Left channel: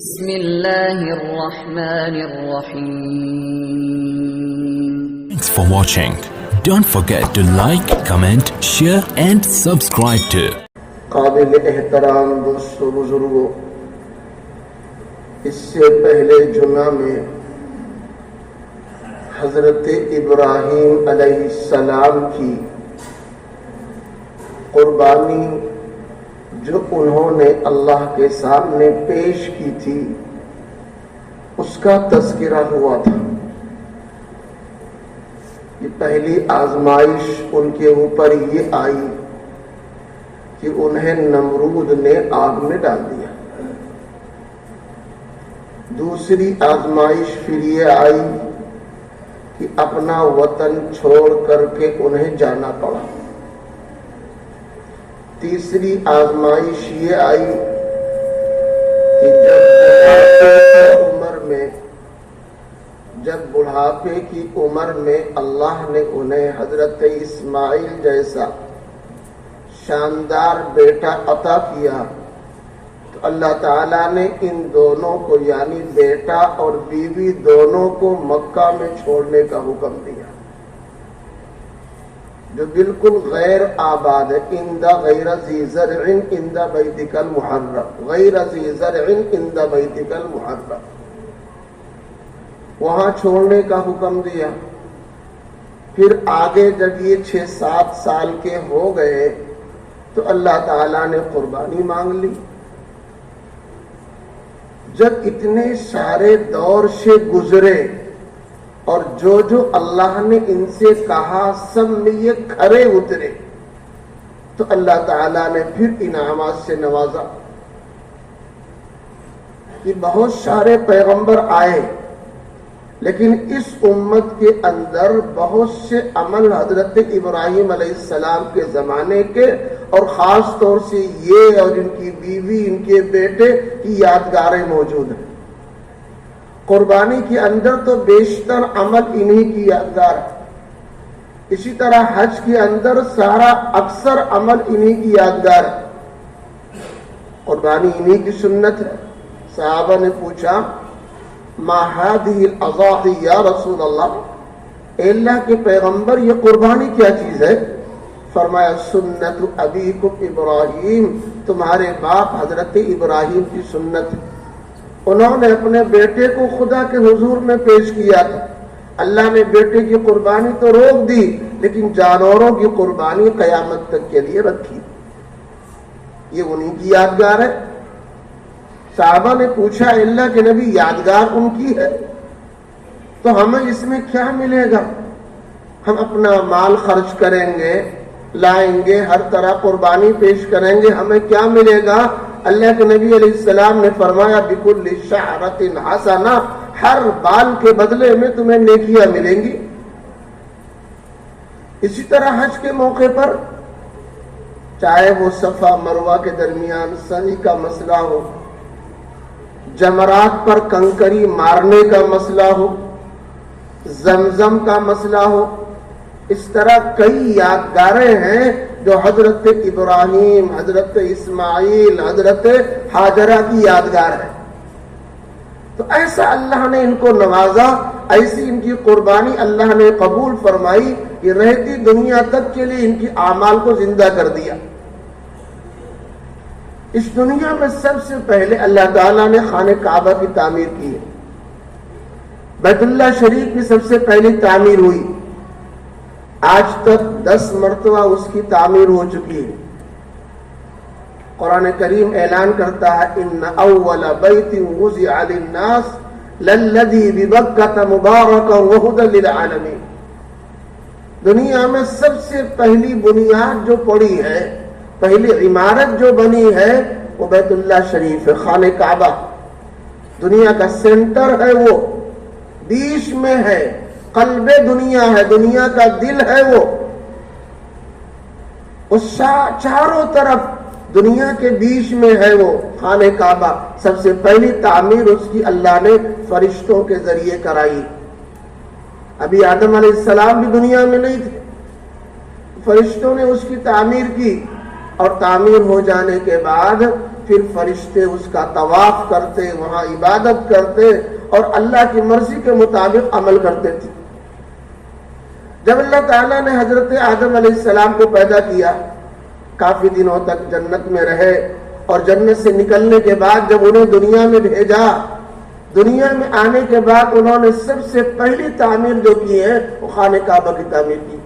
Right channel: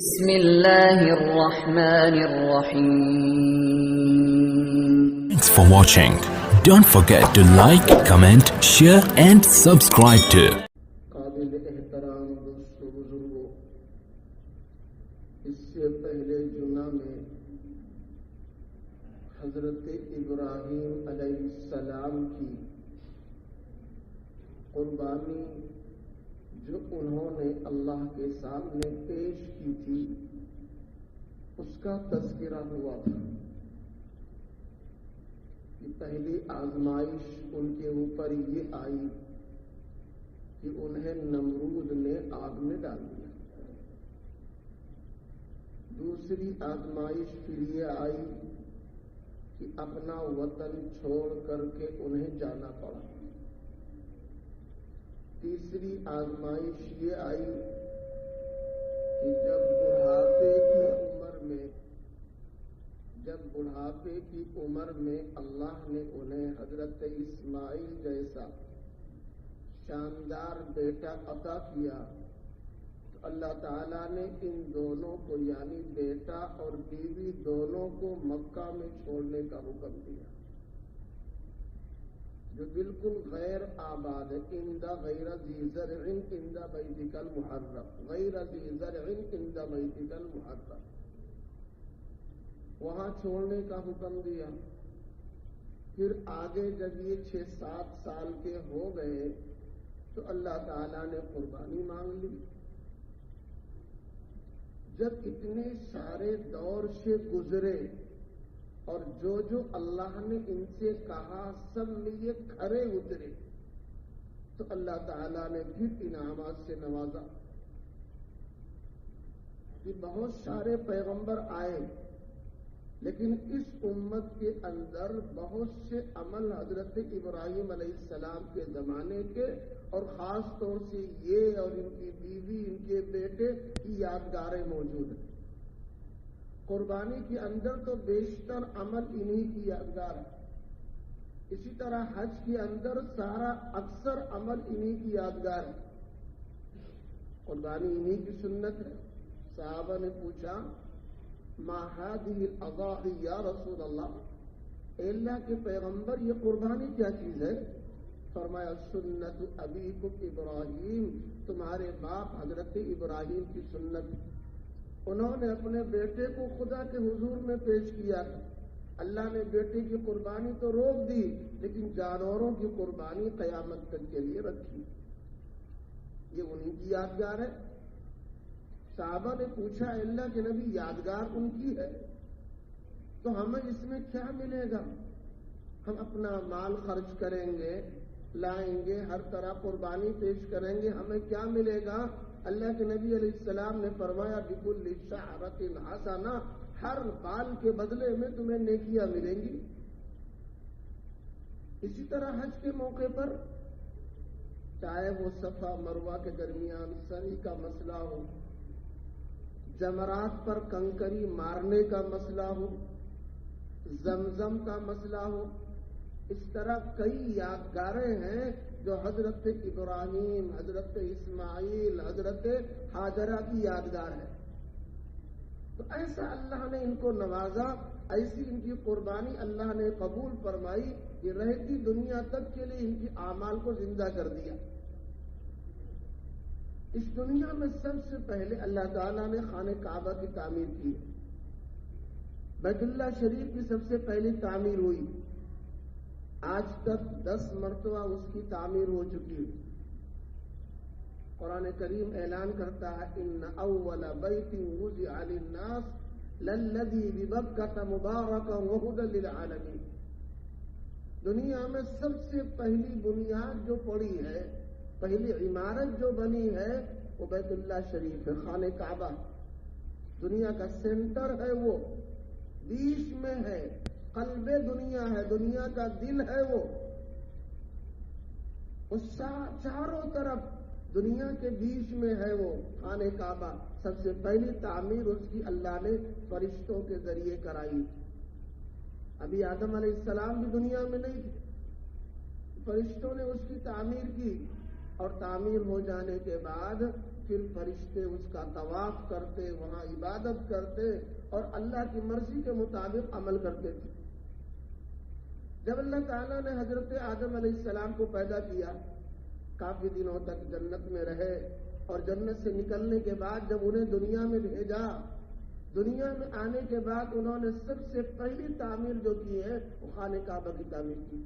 بسم الله الرحمن الرحيم. Thanks for watching. Don't forget to like, comment, share and subscribe to قابل احترام دوستو بزرگوں، اس سے پہلے جمعہ میں حضرت ابراہیم علیہ السلام کی قربانی جو انہوں نے اللہ کے سامنے پیش کی تھی اس کا تذکرہ ہوا تھا۔ یہ پہلی آزمائش ان کے اوپر یہ آئی کہ انہیں نمرود نے آگ میں ڈال دیا۔ دوسری آزمائش پھر یہ آئی کہ اپنا وطن چھوڑ کر کے انہیں جانا پڑا۔ تیسری آزمائش یہ آئی کہ جب بڑھاپے کی عمر میں اللہ نے انہیں حضرت اسماعیل جیسا شاندار بیٹا عطا کیا تو اللہ تعالیٰ نے ان دونوں کو یعنی بیٹا اور بیوی دونوں کو مکہ میں چھوڑنے کا حکم دیا، جو بالکل غیر آباد ہے۔ اندہ غیر ذی زرع اندہ بیتک المحرم، غیر ذی زرع اندہ بیتک المحرم، وہاں چھوڑنے کا حکم دیا۔ پھر آگے جب یہ 6-7 سال کے ہو گئے تو اللہ تعالیٰ نے قربانی مانگ لی۔ جب اتنے سارے دور سے گزرے اور جو اللہ نے ان سے کہا سب میں یہ کھرے اترے تو اللہ تعالیٰ نے پھر انعامات سے نوازا کہ بہت سارے پیغمبر آئے، لیکن اس امت کے اندر بہت سے عمل حضرت ابراہیم علیہ السلام کے زمانے کے اور خاص طور سے یہ اور ان کی بیوی ان کے بیٹے کی یادگاریں موجود ہیں۔ قربانی کے اندر تو بیشتر عمل انہی کی یادگار ہے، اسی طرح حج کے اندر سارا اکثر عمل انہی کی یادگار ہے۔ قربانی انہی کی سنت ہے۔ صحابہ نے پوچھا ما هذه الاضاحی یا رسول اللہ، اے اللہ کے پیغمبر یہ قربانی کیا چیز ہے؟ فرمایا سنت ابیکم ابراہیم، تمہارے باپ حضرت ابراہیم کی سنت ہے۔ انہوں نے اپنے بیٹے کو خدا کے حضور میں پیش کیا تھا، اللہ نے بیٹے کی قربانی تو روک دی لیکن جانوروں کی قربانی قیامت تک کے لیے رکھی۔ یہ انہی کی یادگار ہے۔ صحابہ نے پوچھا اللہ کے نبی یادگار ان کی ہے تو ہمیں اس میں کیا ملے گا؟ ہم اپنا مال خرچ کریں گے، لائیں گے، ہر طرح قربانی پیش کریں گے، ہمیں کیا ملے گا؟ اللہ کے نبی علیہ السلام نے فرمایا بِكُلِّ شَعْرَةٍ حَسَنَةٍ، ہر بال کے بدلے میں تمہیں نیکیاں ملیں گی۔ اسی طرح حج کے موقع پر چاہے وہ صفا مروہ کے درمیان سعی کا مسئلہ ہو، جمرات پر کنکری مارنے کا مسئلہ ہو، زمزم کا مسئلہ ہو، اس طرح کئی یادگاریں ہیں جو حضرت ابراہیم، حضرت اسماعیل، حضرت ہاجرہ کی یادگار ہے۔ تو ایسا اللہ نے ان کو نوازا، ایسی ان کی قربانی اللہ نے قبول فرمائی کہ رہتی دنیا تک کے لیے ان کی اعمال کو زندہ کر دیا۔ اس دنیا میں سب سے پہلے اللہ تعالیٰ نے خانہ کعبہ کی تعمیر کی ہے۔ بیت اللہ شریف کی سب سے پہلی تعمیر ہوئی، آج تک 10 مرتبہ اس کی تعمیر ہو چکی ہے۔ قرآن کریم اعلان کرتا ہے ان اول بیت وضع للناس للذی ببکۃ مبارکا وہدی للعالمین، دنیا میں سب سے پہلی بنیاد جو پڑی ہے، پہلی عمارت جو بنی ہے وہ بیت اللہ شریف ہے، خانہ کعبہ دنیا کا سینٹر ہے، وہ بیچ میں ہے، قلب دنیا ہے، دنیا کا دل ہے، وہ اس چاروں طرف دنیا کے بیچ میں ہے وہ خانہ کعبہ۔ سب سے پہلی تعمیر اس کی اللہ نے فرشتوں کے ذریعے کرائی۔ ابھی آدم علیہ السلام بھی دنیا میں نہیں تھے، فرشتوں نے اس کی تعمیر کی، اور تعمیر ہو جانے کے بعد پھر فرشتے اس کا طواف کرتے، وہاں عبادت کرتے اور اللہ کی مرضی کے مطابق عمل کرتے تھے۔ جب اللہ تعالیٰ نے حضرت آدم علیہ السلام کو پیدا کیا، کافی دنوں تک جنت میں رہے، اور جنت سے نکلنے کے بعد جب انہیں دنیا میں بھیجا، دنیا میں آنے کے بعد انہوں نے سب سے پہلی تعمیر جو کی ہے وہ خانہ کعبہ کی تعمیر کی۔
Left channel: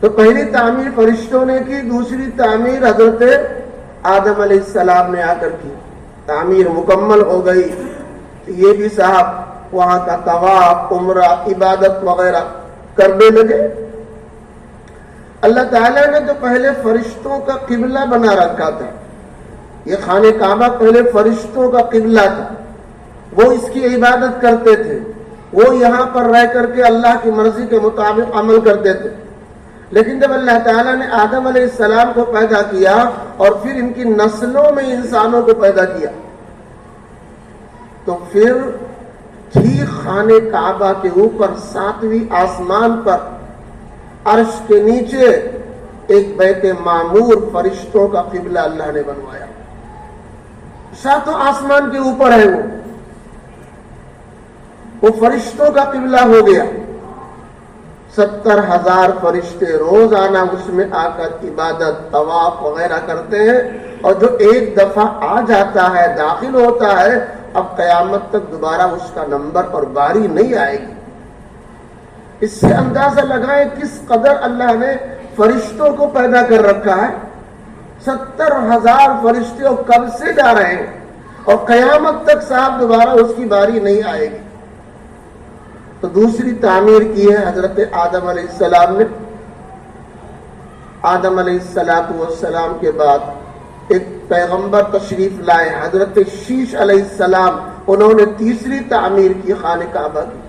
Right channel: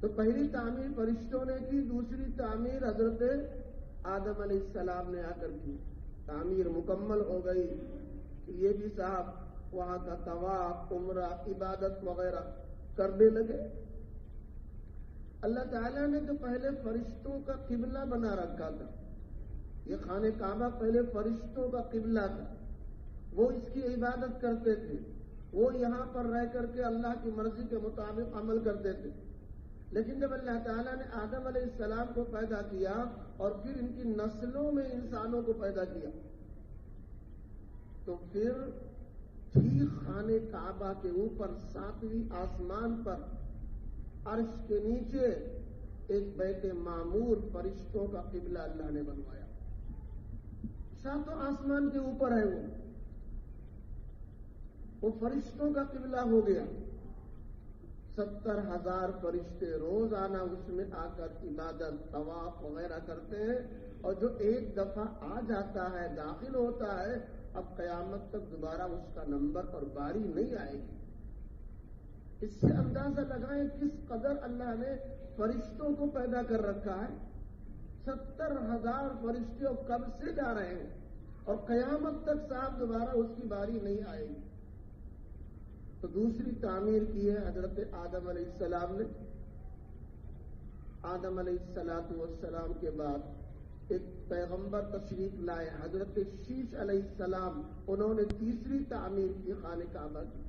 تو پہلی تعمیر فرشتوں نے کی، دوسری تعمیر حضرت آدم علیہ السلام نے آ کر کی۔ تعمیر مکمل ہو گئی، یہ بھی صاحب وہاں کا طواف، عمرہ، عبادت وغیرہ کرنے لگے۔ اللہ تعالیٰ نے تو پہلے فرشتوں کا قبلہ بنا رکھا تھا، یہ خانہ کعبہ پہلے فرشتوں کا قبلہ تھا، وہ اس کی عبادت کرتے تھے، وہ یہاں پر رہ کر کے اللہ کی مرضی کے مطابق عمل کرتے تھے۔ لیکن جب اللہ تعالیٰ نے آدم علیہ السلام کو پیدا کیا اور پھر ان کی نسلوں میں انسانوں کو پیدا کیا، تو پھر ٹھیک خانہ کعبہ کے اوپر 7ویں آسمان پر عرش کے نیچے ایک بیت معمور فرشتوں کا قبلہ اللہ نے بنوایا۔ 7 آسمان کے اوپر ہے وہ فرشتوں کا قبلہ ہو گیا۔ 70,000 فرشتے روزانہ اس میں آ کر عبادت، طواف وغیرہ کرتے ہیں، اور جو ایک دفعہ آ جاتا ہے، داخل ہوتا ہے، اب قیامت تک دوبارہ اس کا نمبر اور باری نہیں آئے گی۔ اس سے اندازہ لگائیں کس قدر اللہ نے فرشتوں کو پیدا کر رکھا ہے۔ 70,000 فرشتے کب سے جا رہے ہیں، اور قیامت تک صاحب دوبارہ اس کی باری نہیں آئے گی۔ تو دوسری تعمیر کی ہے حضرت آدم علیہ السلام نے۔ آدم علیہ السلام کے بعد ایک پیغمبر تشریف لائے، حضرت شیش علیہ السلام، انہوں نے تیسری تعمیر کی خانہ کعبہ کی۔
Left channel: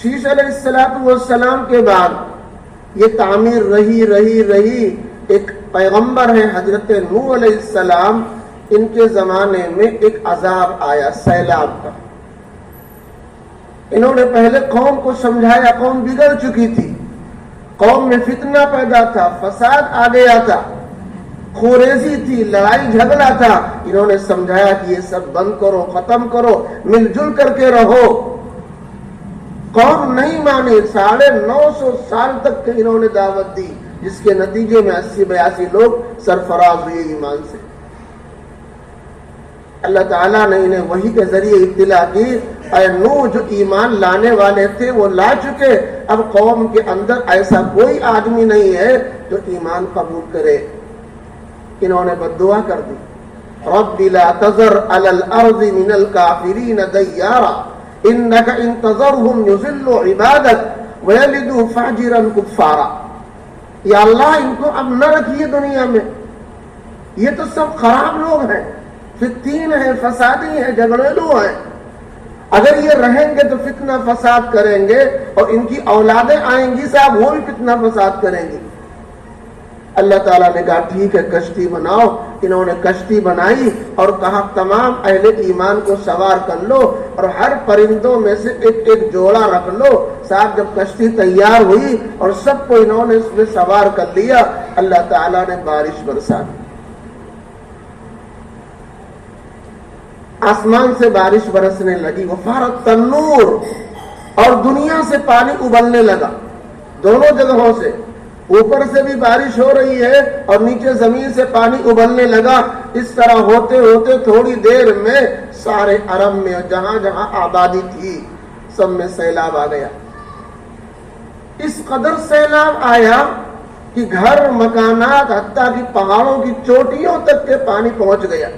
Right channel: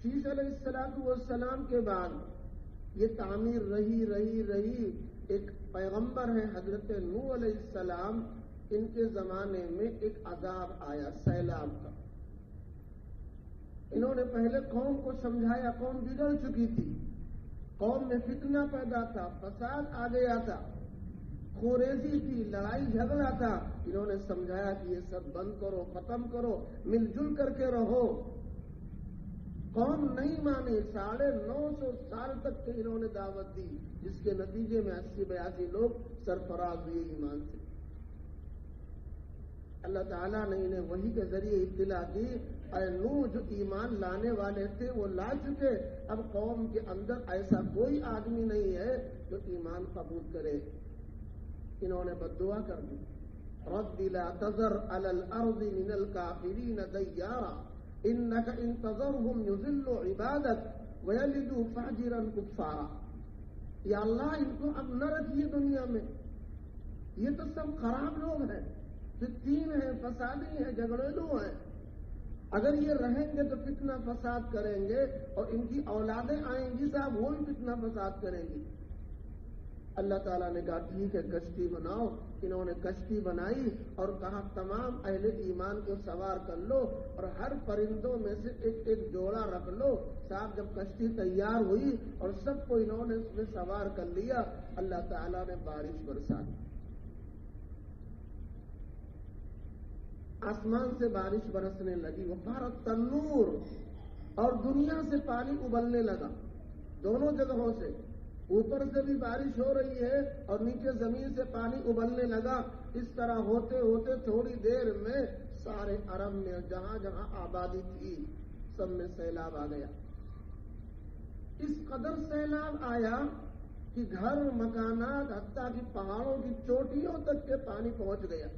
شیش علیہ السلام کے بعد یہ تعمیر رہی۔ ایک پیغمبر ہے حضرت نوح علیہ السلام، ان کے زمانے میں ایک عذاب آیا سیلاب کا۔ انہوں نے پہلے قوم کو سمجھایا، قوم بگڑ چکی تھی، قوم میں فتنہ پیدا تھا، فساد آ گیا تھا، خوریزی تھی، لڑائی جھگڑا تھا۔ انہوں نے سمجھایا کہ یہ سب بند کرو، ختم کرو، مل جل کر کے رہو۔ قوم نہیں مانی، 950 سال تک انہوں نے دعوت دی، جس کے نتیجے میں 80-82 لوگ سرفراز ہوئے ایمان سے۔ اللہ تعالیٰ نے انہیں وحی کے ذریعے اطلاع کی، اے نوح، جو ایمان لانے والے تھے وہ لا چکے، اب قوم کے اندر ایسا کوئی آدمی نہیں ہے جو ایمان قبول کرے۔ انہوں نے بددعا کر دی، رب لا تذر علی الارض من الکافرین دیارا انک ان تذرہم یضلوا عبادک ویلدوا فاجرا کفارا۔ یا اللہ، ان کو اب نہ رکھیے دنیا میں، یہ تو سب خراب لوگ ہیں، فتین ہیں، فسادی ہیں، جھگڑیلو ہیں، اگر یہ رہیں گے تو فتنہ فساد کریں گے، اور ان کی اولادیں آئیں گی صاحب، وہ بھی فتنہ فساد کریں گی۔ اللہ تعالیٰ نے کہا ٹھیک ہے، کشتی بناؤ۔ انہوں نے کشتی بنائی اور کہا تمام اہل ایمان کو سوار کر لو، اور ہر پرندوں میں سے ایک ایک جوڑا رکھ لو۔ صاحب جب کشتی تیار ہوئی اور سب کو انہوں نے اس میں سوار کر لیا، اللہ تعالیٰ نے بارش برسا دی، آسمان سے بارش برسنے لگی، وفارت تنور، اور دنیا سے پانی ابلنے لگا، دونوں جگہوں سے، اوپر سے بھی بارش ہو رہی ہے اور نیچے زمین سے پانی ابلنے لگا۔ اس طرح ہوتے ہوتے تھوڑی دیر میں سارے عرب میں جہاں جہاں آبادی تھی سب میں سیلاب آ گیا۔ اس قدر سیلاب آیا کہ گھر، مکانات، حتیٰ کہ پہاڑوں کی چوٹیوں تک کے پانی پہنچ گیا۔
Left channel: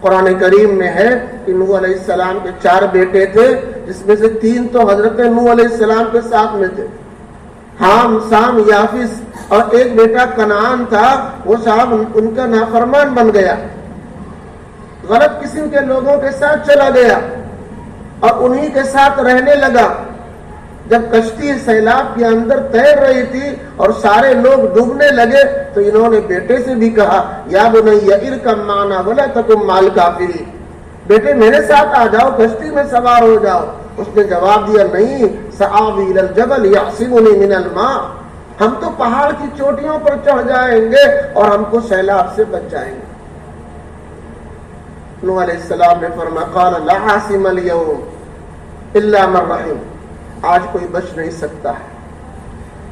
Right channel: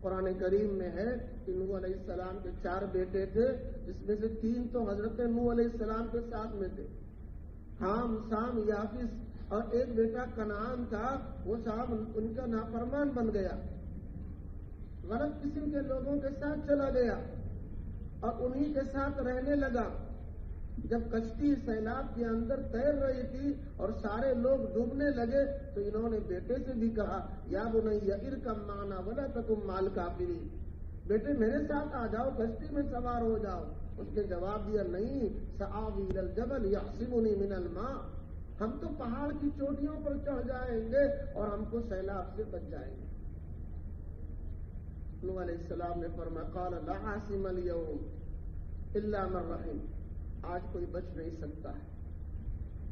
قرآن کریم میں ہے کہ نوح علیہ السلام کے 4 بیٹے تھے، جس میں سے 3 تو حضرت نوح علیہ السلام کے ساتھ میں تھے، حام، سام، یافس، اور ایک بیٹا کنعان تھا، وہ صاحب ان کا نافرمان بن گیا، غلط قسم کے لوگوں کے ساتھ چلا گیا اور انہی کے ساتھ رہنے لگا۔ جب کشتی سیلاب کے اندر تیر رہی تھی اور سارے لوگ ڈوبنے لگے تو انہوں نے بیٹے سے بھی کہا، یا بنی ارکب معنا ولا تکن مع الکافرین، بیٹے میرے ساتھ آ جاؤ، کشتی میں سوار ہو جاؤ۔ اس نے جواب دیا، نہیں، سآوی الی الجبل یعصمنی من الماء، ہم تو پہاڑ کی چوٹیوں پر چڑھ جائیں گے اور ہم کو سیلاب سے بچ جائیں گے. نوح علیہ السلام نے فرمایا قال لا عاصم اليوم الا من رحم. آج کوئی بچ نہیں سکتا ہے.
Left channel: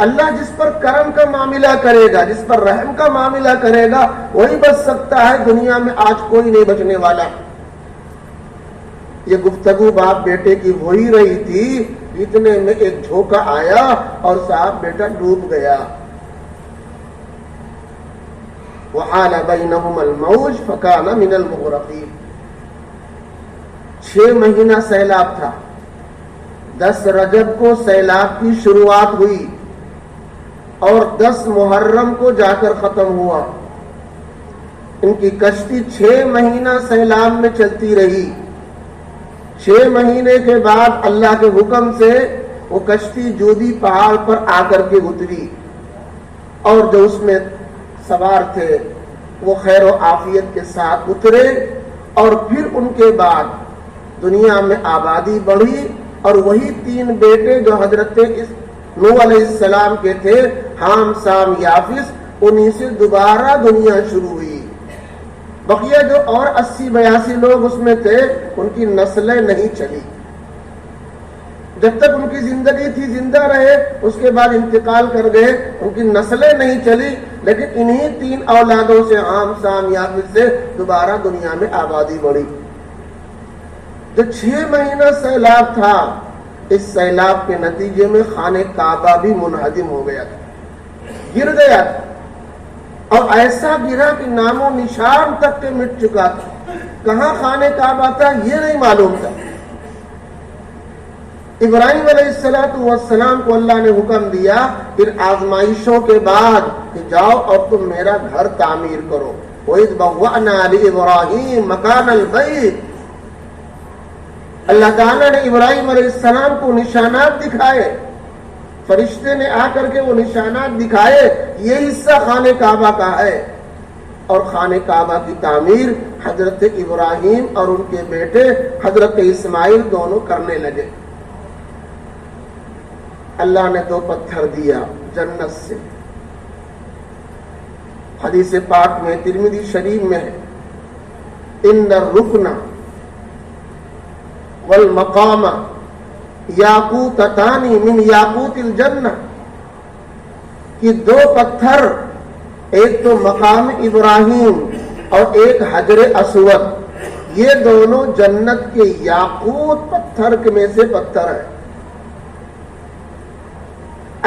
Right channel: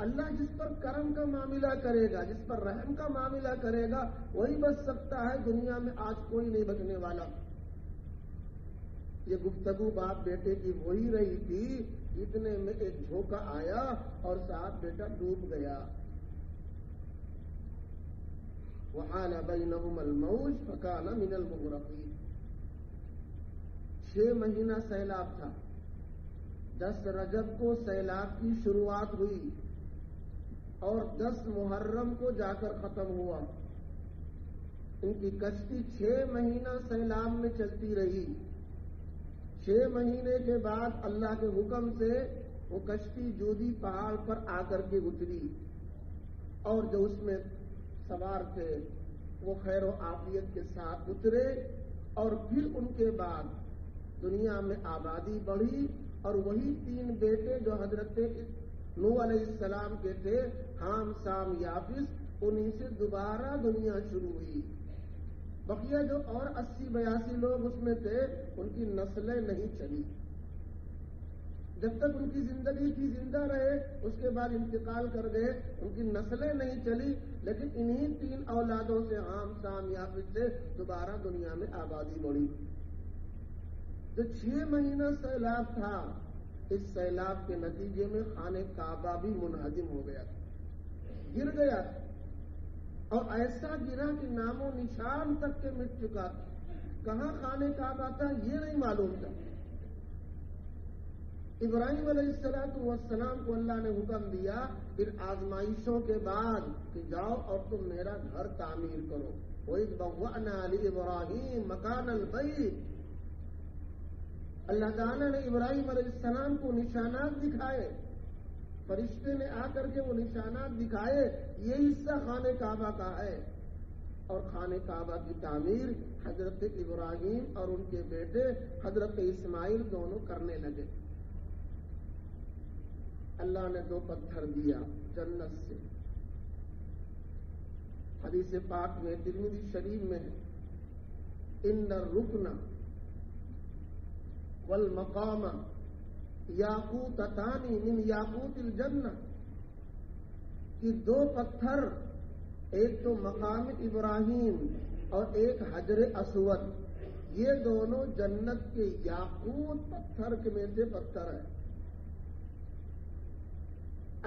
اللہ جس پر کرم کا معاملہ کرے گا, جس پر رحم کا معاملہ کرے گا, وہی بچ سکتا ہے. دنیا میں آج کوئی نہیں بچنے والا. یہ گفتگو باپ بیٹے کی ہو ہی رہی تھی, اتنے میں ایک جھونکا آیا اور صاحب بیٹا ڈوب گیا. وحال بینہم الموج فکان من المغرقین. 6 مہینہ سیلاب تھا. 10 رجب کو سیلاب کی شروعات ہوئی اور 10 محرم کو جا کر ختم ہوا. ان کی کشتی 6 مہینہ سیلاب میں چلتی رہی. 6 مہینے کے بعد اللہ کے حکم سے وہ کشتی جودی پہاڑ پر آ کر کے اتری اور جو اس میں سوار تھے وہ خیر و عافیت کے ساتھ اترے. اور پھر ان کے بعد دنیا میں آبادی بڑھی اور وہی 3 بیٹے جو حضرت نوح علیہ السلام کے تھے, حام سام یافس, انہی سے دوبارہ دنیا شروع ہوئی. بقیہ جو اور 80-82 لوگ اس میں تھے ان کی نسلیں نہیں چلی. جب تک ان کی زندگی تھی زندہ رہے, اس کے بعد انتقال کر گئے, ان کی نسلیں نہیں چلی. لیکن انہی 3 اولادوں سے حام سام یافس سے دوبارہ دنیا میں آبادی بڑھی. جو 6 مہینہ سیلاب تھا, اس سیلاب کے نتیجے میں خانہ کعبہ بھی منہدم ہو گیا تھا, گر گیا تھا. اور ایسا گرا کہ نام و نشان تک کے مٹ چکا تھا. کہاں خانہ کعبہ تھا یہ نہیں معلوم تھا. ابراہیم علیہ السلام کو اللہ نے حکم دیا پھر آزمائشوں کے بعد کہ جاؤ اور تم میرا گھر تعمیر کرو. وَإِذْ بَوَّأْنَا لِإِبْرَاهِيمَ مَكَانَ الْبَيْتِ. اللہ تعالیٰ نے ابراہیم علیہ السلام کو نشانات دکھائے, فرشتے نے آ کر کے وہ نشانات دکھائے, یہ حصہ خانہ کعبہ کا ہے. اور خانہ کعبہ کی تعمیر حضرت ابراہیم اور ان کے بیٹے حضرت اسماعیل دونوں کرنے لگے. اللہ نے 2 پتھر دیا جنت سے. حدیث پاک میں ترمذی شریف میں ہے, ان الرکن والمقام یاقوتتان من یاقوت الجنہ, کہ 2 پتھر, ایک تو مقام ابراہیم اور ایک حجر اسود, یہ دونوں جنت کے یاقوت پتھر میں سے پتھر ہیں.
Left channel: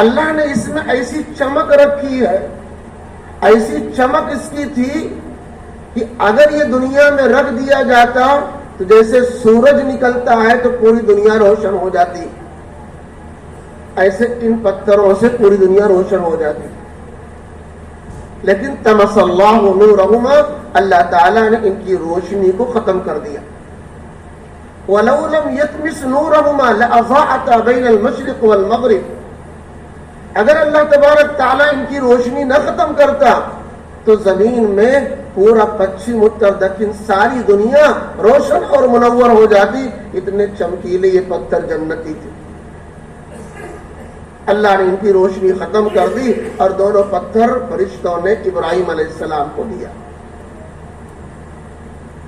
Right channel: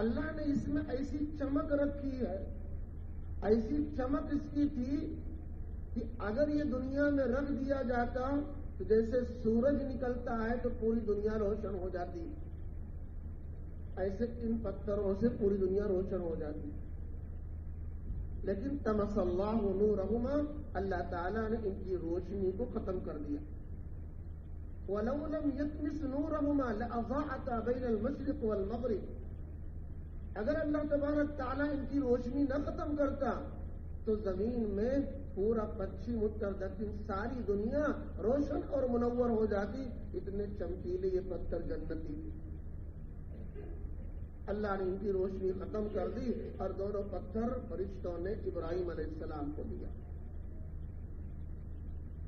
اللہ نے اس میں ایسی چمک رکھی ہے, ایسی چمک اس کی تھی کہ اگر یہ دنیا میں رکھ دیا جاتا تو جیسے سورج نکلتا ہے تو پوری دنیا روشن ہو جاتی, ایسے ان پتھروں سے پوری دنیا روشن ہو جاتی. لیکن تمس اللہ نورہما, اللہ تعالیٰ نے ان کی روشنی کو ختم کر دیا. وَلَوْ لَمْ يَتْمِسْ نُورَهُمَا لَأَضَاءَتَا بَيْنَ الْمَشْرِقِ وَالْمَغْرِبِ. اگر اللہ تبارک تعالیٰ ان کی روشنی نہ ختم کرتا تو زمین میں پورا پچھم اتر دکن ساری دنیا روشن اور منور ہو جاتی. اتنے چمکیلے یہ پتھر جنتی تھے. اللہ نے ان کی روشنی ختم کر دی اور دونوں پتھر فرشتوں نے ابراہیم علیہ السلام کو دیا.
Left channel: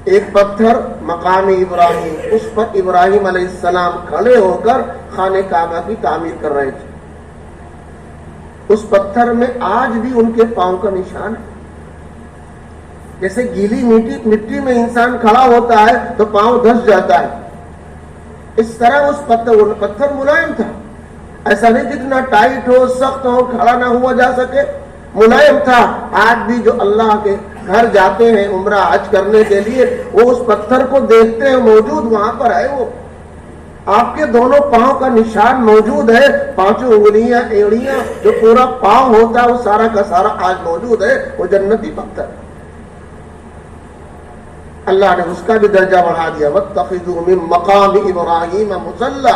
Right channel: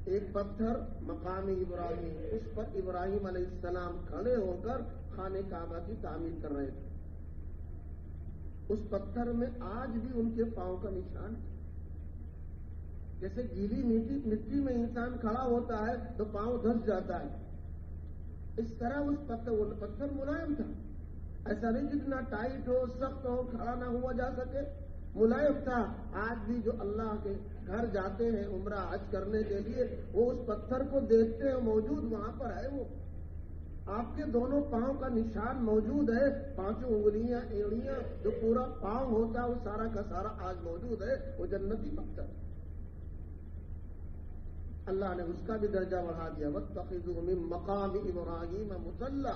ایک پتھر مقام ابراہیم, اس پر ابراہیم علیہ السلام کھڑے ہو کر خانہ کعبہ کی تعمیر کر رہے تھے. اس پتھر میں آج بھی ان کے پاؤں کا نشان ہے. جیسے گیلی مٹی میں انسان کھڑا ہوتا ہے تو پاؤں دھس جاتا ہے, اس طرح اس پتھر ملائم تھا. ایسا نہیں جتنا ٹائٹ ہو, سخت ہو, کھڑا نہ ہوا جا سکے, ملائم تھا. آج بھی جو اللہ کے گھر جاتے ہیں عمرہ حج کرنے کے لیے, وہ اس پتھر کو دیکھتے ہیں, موجود وہاں پر ہے. وہ آپ کے دونوں پاؤں کا نشان موجود ہے. 5 انگلیاں, ایڑیاں, جو پورا پاؤں ہوتا ہے وہ سارا کا سارا آج موجود ہے. وہ جنتی پتھر. اللہ نے اس کا بھی درجہ بڑھا دیا. وَاتَّخِذُوا مِن مَقَامِ إِبْرَاهِيمَ مُصَلًّى.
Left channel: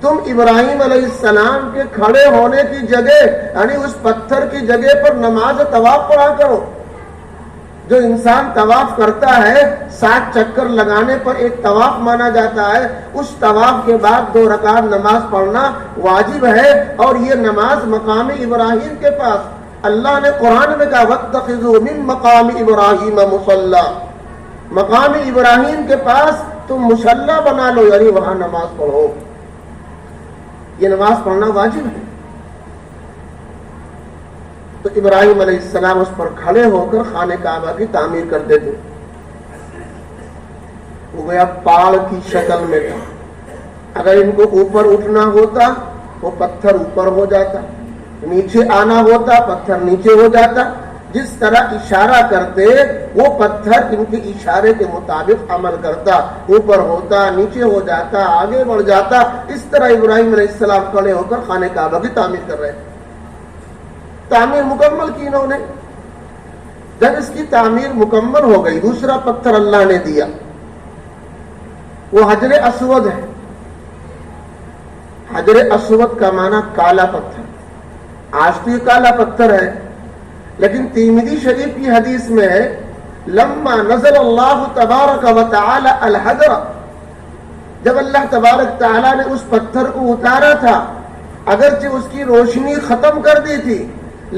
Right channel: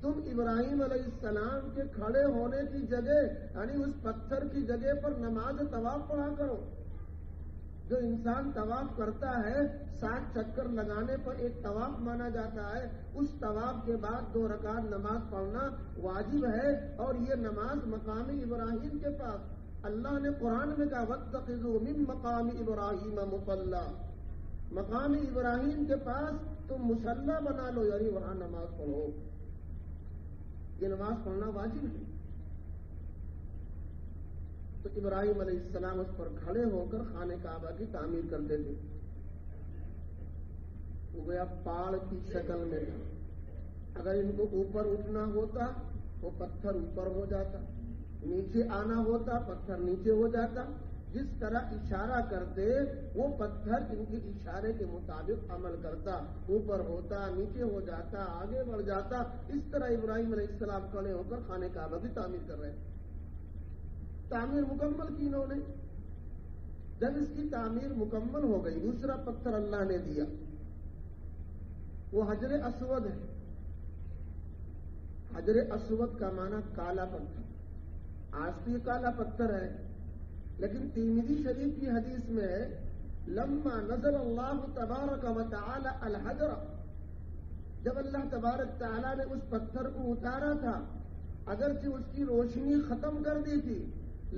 تم ابراہیم علیہ السلام کے کھڑے ہونے کی جگہ, یعنی اس پتھر کی جگہ پر نماز طواف پڑھا کرو. جو انسان طواف کرتا ہے 60 چکر لگانے پر ایک طواف مانا جاتا ہے، اس طواف کے بعد 2 رکعت نماز پڑھنا واجب ہے، اور یہ نماز مقام ابراہیم کے پاس اللہ نے قرآن میں کہا وَاتَّخِذُوا مِن مَقَامِ إِبْرَاهِيمَ مُصَلَّى، مقام ابراہیم کے پاس تم مصلی بنا لو، یعنی وہاں نماز پڑھو۔ یہ نماز پڑھنا واجب ہے۔ تو ابراہیم علیہ السلام اس پر کھڑے ہو کر خانہ کعبہ کی تعمیر کرتے تھے۔ وہ گیا پاڑ کی شکل میں تھا، اگر ان کو اوپر اٹھنا ہوتا وہ پتھر اوپر ہو جاتا، نیچے آنا ہوتا پتھر نیچے ہو جاتا، جس طرح اشارہ کرتے وہ پتھر ان کے اشارے کے مطابق عمل کرتا، اوپر ہوتا نیچے ہو جاتا آگے بڑھ جاتا۔ اس طرح ابراہیم علیہ السلام کھڑے ہو کر خانہ کعبہ کی تعمیر کر رہے تھے۔ تعمیر مکمل کی انہوں نے۔ جب اس کی تعمیر مکمل ہو گئی، دوسرا پتھر اللہ نے دیا، وہ حجر اسود ہے۔ حجر اسود کا معنی کالا پتھر، آج تو یہ کالا پتھر ہے، لیکن ترمذی شریف کی حدیث میں ہے لما نزل اللہ تبارک و تعالی الحجر، جب اللہ تبارک تعالی نے اس پتھر کو اتارا تھا، اگرچہ اس کی روشنی ختم کر دی تھی،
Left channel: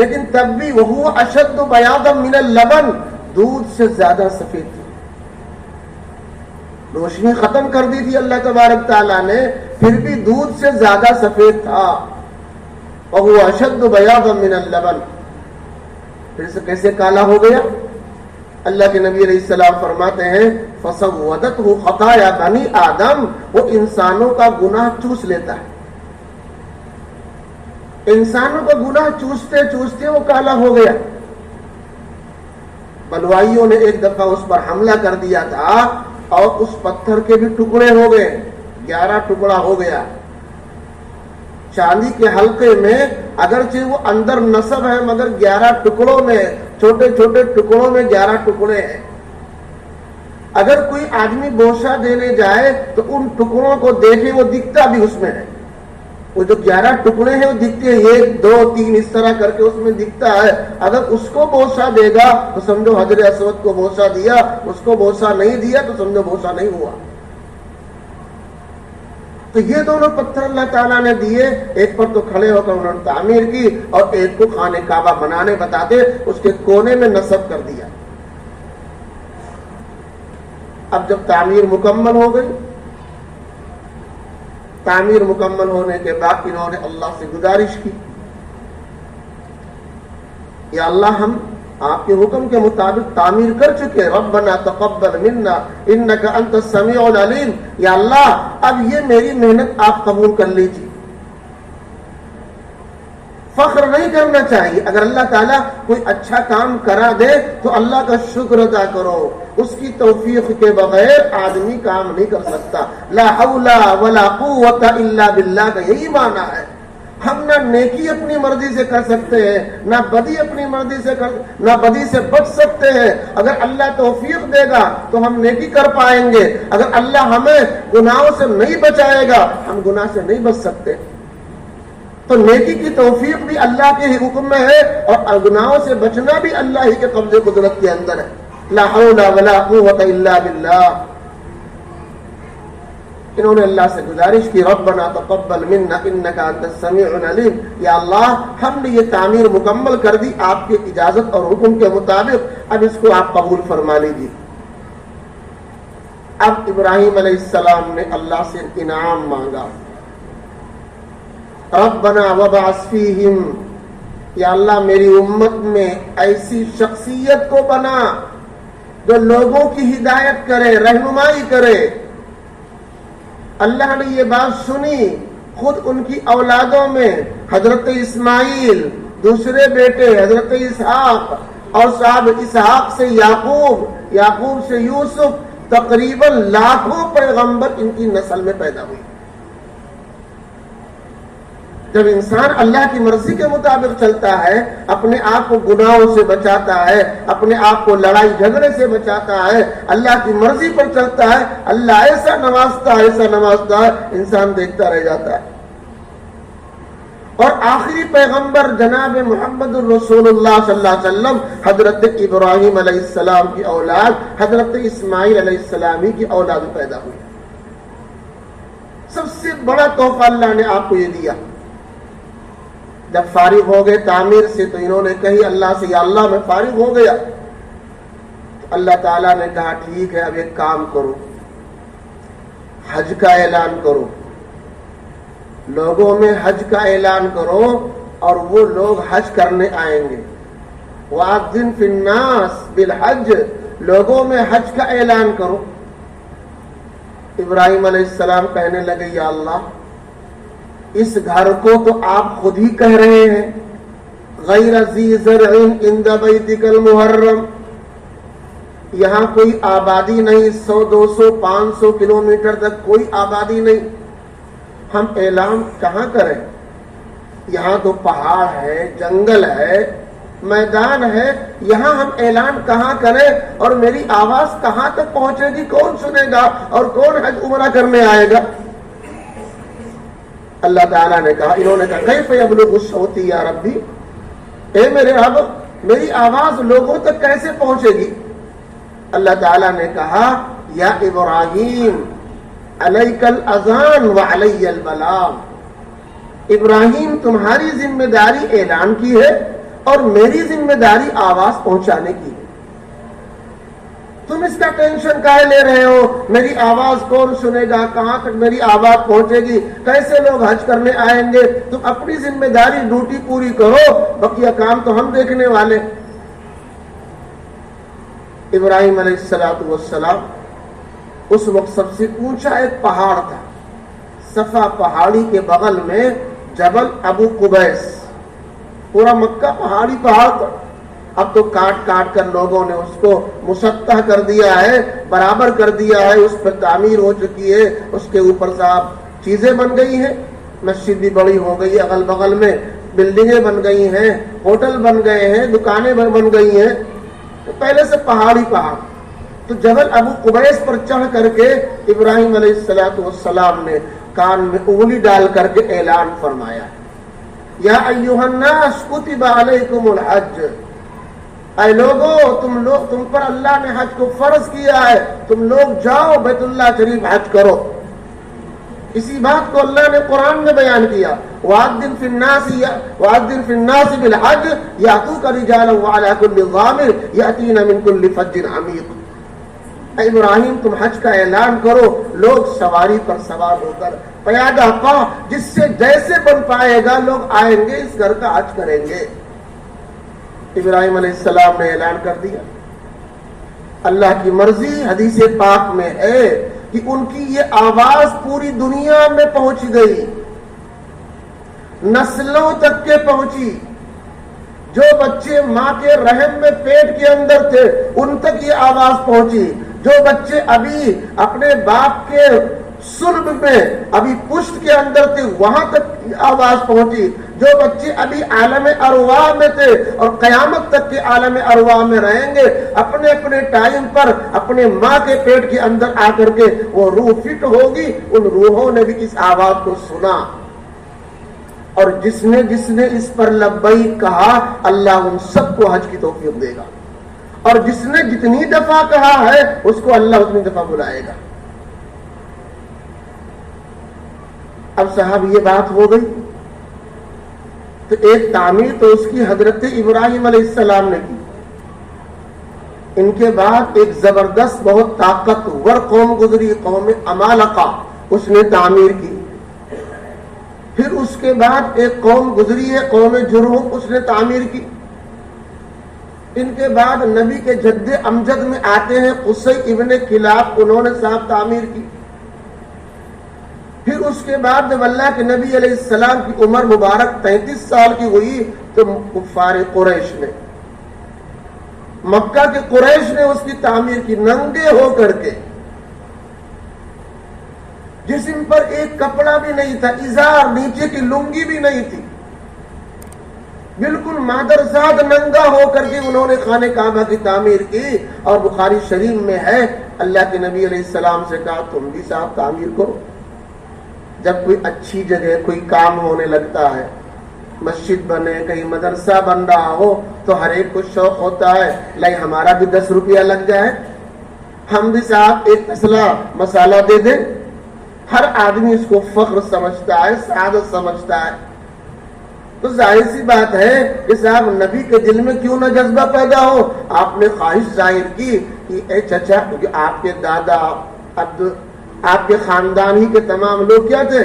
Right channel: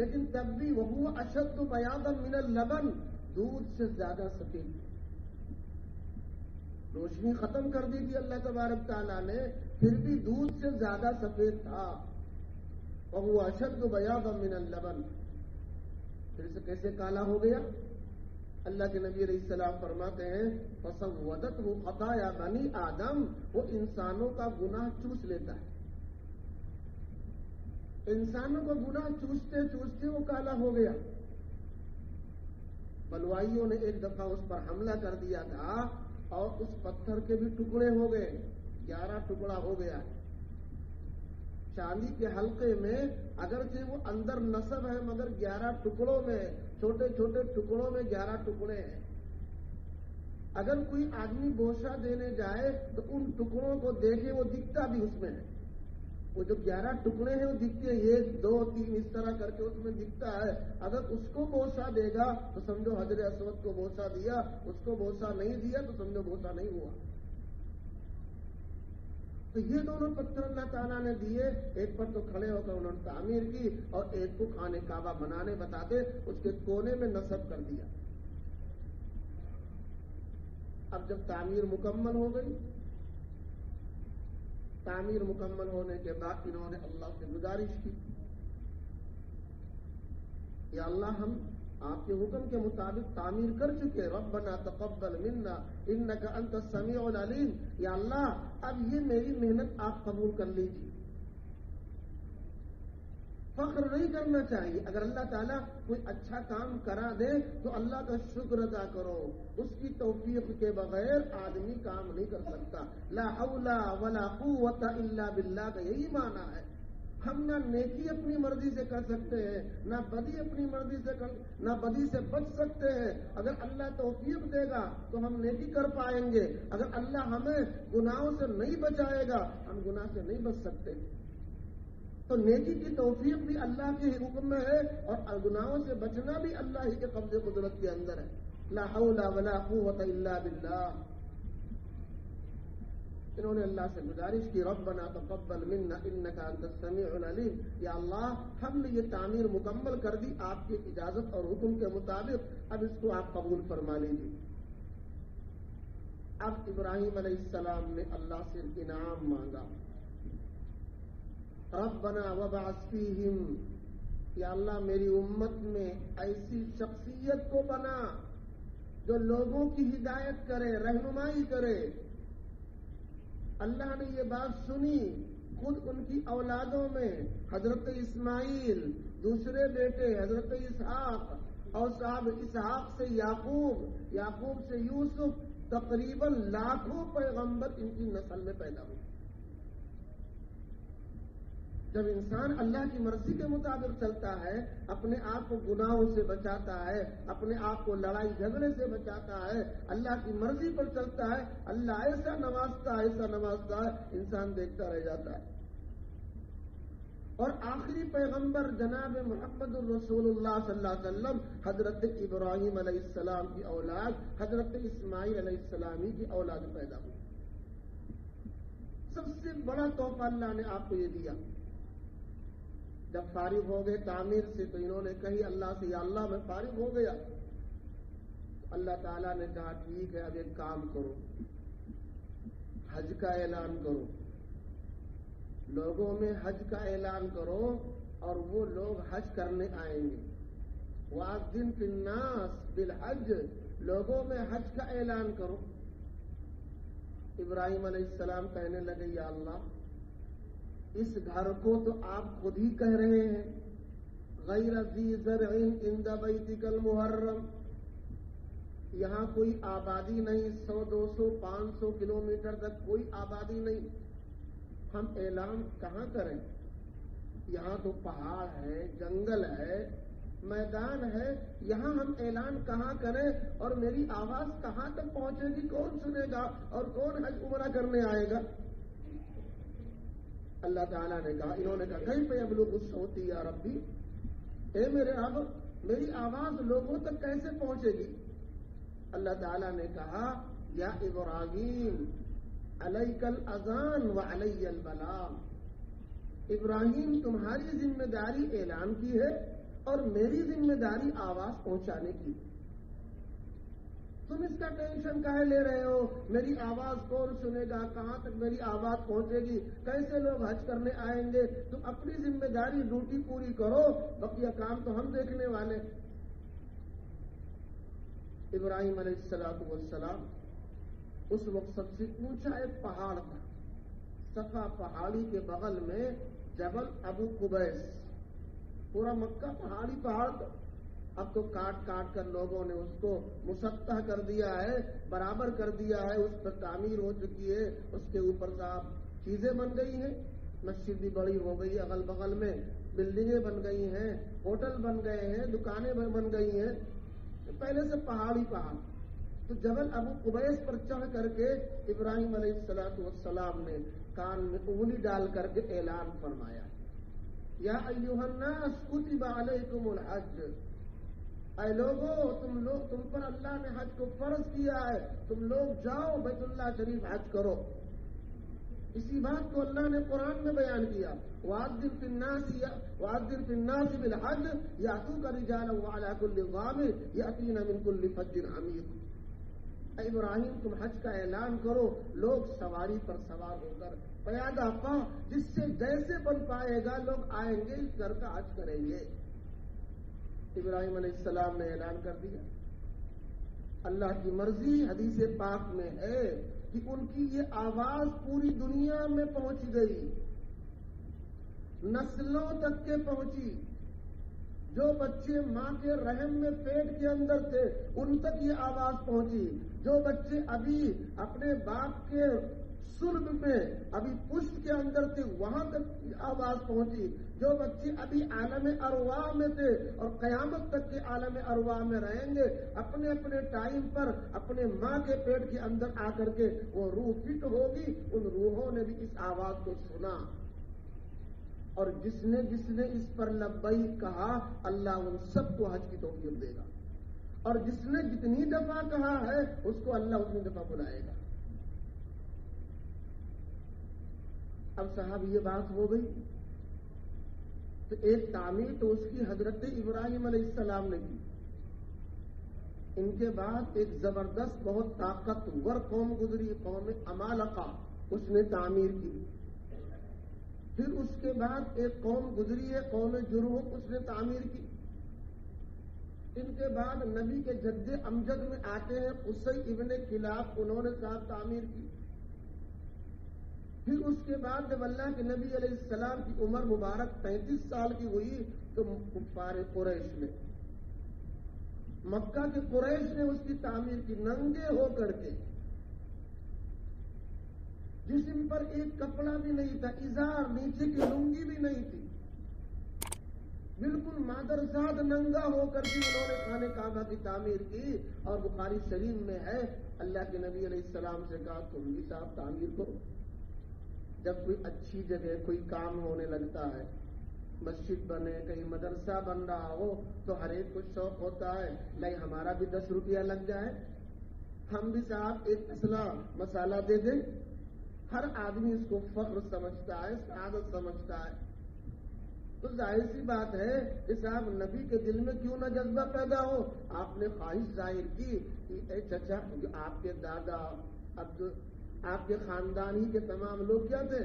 لیکن تب بھی وہ اشد بیاضا من اللبن، دودھ سے زیادہ سفید تھی۔ روشنی ختم کر دی تھی اللہ تبارک تعالیٰ نے، پھر بھی دودھ سے زیادہ سفید تھا۔ وَهُوَ أَشَدُّ بَيَاضًا مِنَ اللَّبَنِ، پھر سے کیسے کالا ہو گیا؟ اللہ کے نبی علیہ السلام فرماتے ہیں فَسَوَّدَتْهُ خَطَايَا بَنِي آدم، وہ انسانوں کا گناہ چوس لیتا ہے۔ انسانوں کا گناہ چوستے چوستے وہ کالا ہو گیا۔ بلوائیوں نے ایک دفعہ اس پر حملہ کر دیا تھا اور اس پتھر کے بھی ٹکڑے ہو گئے، 11 ٹکڑا ہو گیا۔ چاندی کے حلقے میں اگرچہ وہ اندر نصب ہے مگر 11 ٹکڑوں میں، چھوٹے چھوٹے ٹکڑوں میں 11 ٹکڑے ہیں۔ اگر کوئی آدمی بوسہ دینے جائے تو ان ٹکڑوں کو دیکھے، وہ دکھتا بھی اس میں ہے، وہ جو 11 ٹکڑے ہیں وہ دکھتے ہیں، 1 2 3 اس طرح کر کے اس میں دکھتا ہے۔ اگر اس کو بوسہ دے گا تو سمجھو حجر اسود کو بوسہ دیا، اس کو بوسہ نہیں دیا تو سمجھو بوسہ نہیں ہوا۔ تو یہ دونوں پتھر اللہ تعالیٰ نے دیے، ایک پر تو کھڑے ہو کر انہوں نے تعمیر کی، اور ایک کو خانہ کعبہ بنانے بتاتے اس کے کونے میں نصب کر دیا۔ اب جب تعمیر مکمل ہو گئی، تعمیر مکمل ہونے کے بعد انہوں نے اللہ سے گزارش کی، یا اللہ ہم آپ کے حکم کے مطابق تعمیر کر چکے، ربنا تقبل منا انک انت السمیع العلیم، یا اللہ اب یہ میری محنت آپ قبول کر لیجیے۔ فخر نہیں کرنا چاہیے، اگر اللہ تعالیٰ کوئی اچھا کام کرا دے تو اللہ کا شکر ادا کرو، اس کی توفیق کے بغیر آدمی کام نہیں کر سکتا۔ لا حول ولا قوت الا باللہ کا یہی معنی ہے۔ ہم نہ نیکی اپنی مرضی سے کر سکتے ہیں، نہ بدی اپنی مرضی سے نہ بدی سے بچ سکتے ہیں۔ اگر اللہ توفیق دے گا تو ہم نیکی کر پائیں گے، اگر اللہ ہمیں گناہوں سے نہیں بچائے گا ہم گناہ سے نہیں بچ سکتے۔ تو نیکی کی توفیق بھی اللہ کے ہی حکم میں ہے، اور گناہوں سے بچنا بھی اللہ ہی کے قبضے قدرت کے اندر ہے۔ لا حول ولا قوت الا باللہ۔ انہوں نے اللہ سے گزارش کی ربنا تقبل منا انک انت السمیع العلیم، یا اللہ ہم نے یہ تعمیر مکمل کر دی آپ کی اجازت اور حکم کے مطابق، اب اس کو آپ قبول فرما لیجیے۔ اب ابراہیم علیہ السلام نے اللہ سے انعام مانگا، ربنا وابعث فیہم، یا اللہ میری امت میں ایسی شخصیت کو بنا جو لوگوں کی ہدایت کرے، رہنمائی کرے۔ اللہ نے یہ بات سنی، خود ان کی اولادوں میں حضرت اسماعیل، دوسرے بیٹے حضرت اسحاق، اور صاحب اسحاق سے یعقوب، یعقوب سے یوسف، تقریباً لاکھوں پیغمبر ان کی نسل میں پیدا ہوئی۔ جب انسان اللہ کی مرضی کے مطابق چلتا ہے، اپنے آپ کو گناہوں سے بچاتا ہے، اپنے آپ کو لڑائی جھگڑے سے بچاتا ہے، اللہ کی مرضی پر چلتا ہے، اللہ ایسا نوازتا ہے، ایسا نوازتا ہے، انسان دیکھتا رہ جاتا ہے۔ اور آخری پیغمبر جناب محمد الرسول اللہ صلی اللہ علیہ وسلم حضرت ابراہیم علیہ السلام کی اولاد حضرت اسماعیل علیہ السلام کی اولاد پیدا ہوئی. سب سے بڑا تحفہ اللہ نے آپ کو یہ دیا. جب فارغ ہو گئے تعمیر سے تو انہوں نے کہی اللہ سے یا اللہ میں فارغ ہو گیا. تو اللہ تعالیٰ نے کہا ٹھیک ہے اب ایک کام کرو, حج کا اعلان کرو, لوگوں میں حج کا اعلان کرو اور وہ لوگ حج کرنے آئیں گے. وَأَذِّن فِي النَّاسِ بِالْحَجِّ, لوگوں میں حج کا اعلان کرو. ابراہیم علیہ السلام کہنے لگے یا اللہ اس گھر کو تو آپ خود ہی کہہ رہے ہیں غیر ذی زرع عند بیتک المحرم, یہاں کوئی آبادی نہیں, 100 200 500 کلومیٹر تک کوئی آبادی نہیں, ہم اعلان کہاں کریں؟ یہاں تو پہاڑ ہے, جنگل ہے, میدان ہے, یہاں ہم اعلان کہاں کریں اور میری آواز کہاں تک پہنچے گی؟ کون سنے گا اور کون حج عمرہ کرنے آئے گا؟ اللہ تعالیٰ نے کہا, انہوں نے کہا کیف یبلغ صوتی یا ربی, اے میرے رب میری آواز لوگوں تک کیسے پہنچے گی؟ اللہ تعالیٰ نے کہا یا ابراہیم علیک الاذان وعلی البلاغ, ابراہیم تمہاری ذمہ داری اعلان کی ہے اور میری ذمہ داری آواز پہنچانے کی ہے. تم اس کا ٹینشن کائے لے رہے ہو؟ میری آواز کون سنے گا, کہاں تک میری آواز پہنچے گی, کیسے لوگ حج کرنے آئیں گے؟ تم اپنی ذمہ داری ڈیوٹی پوری کرو, بقیہ کام تو ہم دیکھنے والے. ابراہیم علیہ السلام اس وقت سب سے اونچا ایک پہاڑ تھا, صفا پہاڑی کے بغل میں جبل ابو قبیس, پورا مکہ پہاڑی پہاڑ تھا. اب تو کاٹ کاٹ کر لوگوں نے اس کو مسطح کر دیا ہے, برابر کر دیا ہے, اس پر تعمیر ہو چکی ہے, اس کے اوپر صاحب چیزیں بن گئی ہیں, مسجد بھی بڑی ہو گئی ہے, اگل بغل میں بلڈنگیں بن گئی ہیں, ہوٹل بن گئے ہیں, دکانیں بن گئی ہیں. تو پہلے سے پہاڑی پہاڑ. تو جبل ابو قبیس پر چڑھ کر کے ابراہیم علیہ السلام نے کان میں انگلی ڈال کر کے اعلان فرمایا یا ایھا الناس کتب علیکم الحج, اے لوگو تم پر اللہ نے حج کو فرض کیا ہے, تم لوگ جاؤ بیت اللہ شریف حج کرو. اسی بات کو اللہ نے قرآن میں بیان کیا وَأَذِّن فِي النَّاسِ بِالْحَجِّ يَأْتُوكَ رِجَالًا وَعَلَىٰ كُلِّ ضَامِرٍ يَأْتِينَ مِن كُلِّ فَجٍّ عَمِيقٍ. اے ابراہیم تم حج کا اعلان کرو, لوگ سواری پر سوار ہو کر پیادہ پا جس سے جیسے بن پائے گا لوگ آئیں گے, اس گھر کا حج کریں گے. ابراہیم علیہ السلام نے اعلان کر دیا. اللہ کی مرضی حدیث پاک میں ہے کہ ان کی یہ آواز پوری دنیا میں پہنچ گئی, نسلوں تک کے پہنچی. جو بچے ماں کے رحم میں پیٹ کے اندر تھے ان تک یہ آواز پہنچی, جو بچے ابھی اپنے باپ کے صلب میں ابھی پشت کے اندر تھے وہاں تک آواز پہنچی, جو بچے ابھی عالم ارواح میں تھے اور قیامت تک کے عالم ارواح میں رہیں گے, اپنے اپنے ٹائم پر اپنے ماں کے پیٹ کے اندر آ کر کے وہ روح فٹ ہوگی. ان روحوں نے بھی اس آواز کو سنا اور جس نے اس پر لبیک کہا اللہ ان سب کو حج کی توفیق دے گا, اور جس نے جتنی دفعہ کہا ہے اس کو اللہ اتنی دفعہ بلائے گا. اب صاحب یہ بات ہو گئی تو ایک تعمیر تو اس کی حضرت ابراہیم علیہ السلام نے کی. ان کے بعد ایک زبردست بہت طاقتور قوم گزری, قوم عمالقہ, اس نے تعمیر کی. پھر اس کے بعد ایک قوم گزری ہے قوم جرہم, اس نے تعمیر کی. ان کے بعد نبی کے جد امجد میں آتے ہیں قصی ابن کلاب, انہوں نے صاحب تعمیر کی. پھر اس کے بعد جب اللہ کے نبی علیہ السلام کی عمر مبارک 33 سال کی ہوئی تو کفار قریش نے, مکہ کے قریش نے اس کی تعمیر کی, ننگے ہو کر کے, جسم پر ایک کپڑا بھی نہیں تھا, ازار نیچے کی لنگی بھی نہیں تھی, بالکل مادرزاد ننگا ہو کر کے انہوں نے خانہ کعبہ کی تعمیر کی. اور بخاری شریف میں ہے اللہ کے نبی علیہ السلام سے کہا تم بھی صاحب تعمیر کرو. جب کوئی اچھی جگہ کوئی کام ہونے لگتا ہے مسجد بنے, کہیں مدرسہ بن رہا ہو تو ہر ایک کو شوق ہوتا ہے لائی ہمارا بھی 10 روپیہ لگ جائے, ہم بھی صاحب ایک اصلہ مسالہ دے دیں. ہر آدمی اس کو فخر سمجھتا ہے, سعادت سمجھتا ہے. تو ظاہر سی بات ہے کہ صاحب نبی کے دل میں کیوں نہ جذبہ پیدا ہو. آپ نے خواہش ظاہر کی کہ اے چچا, کیونکہ آپ کے دادا آپ کے خاندان ہی کے تمام لوگ کیا تھے,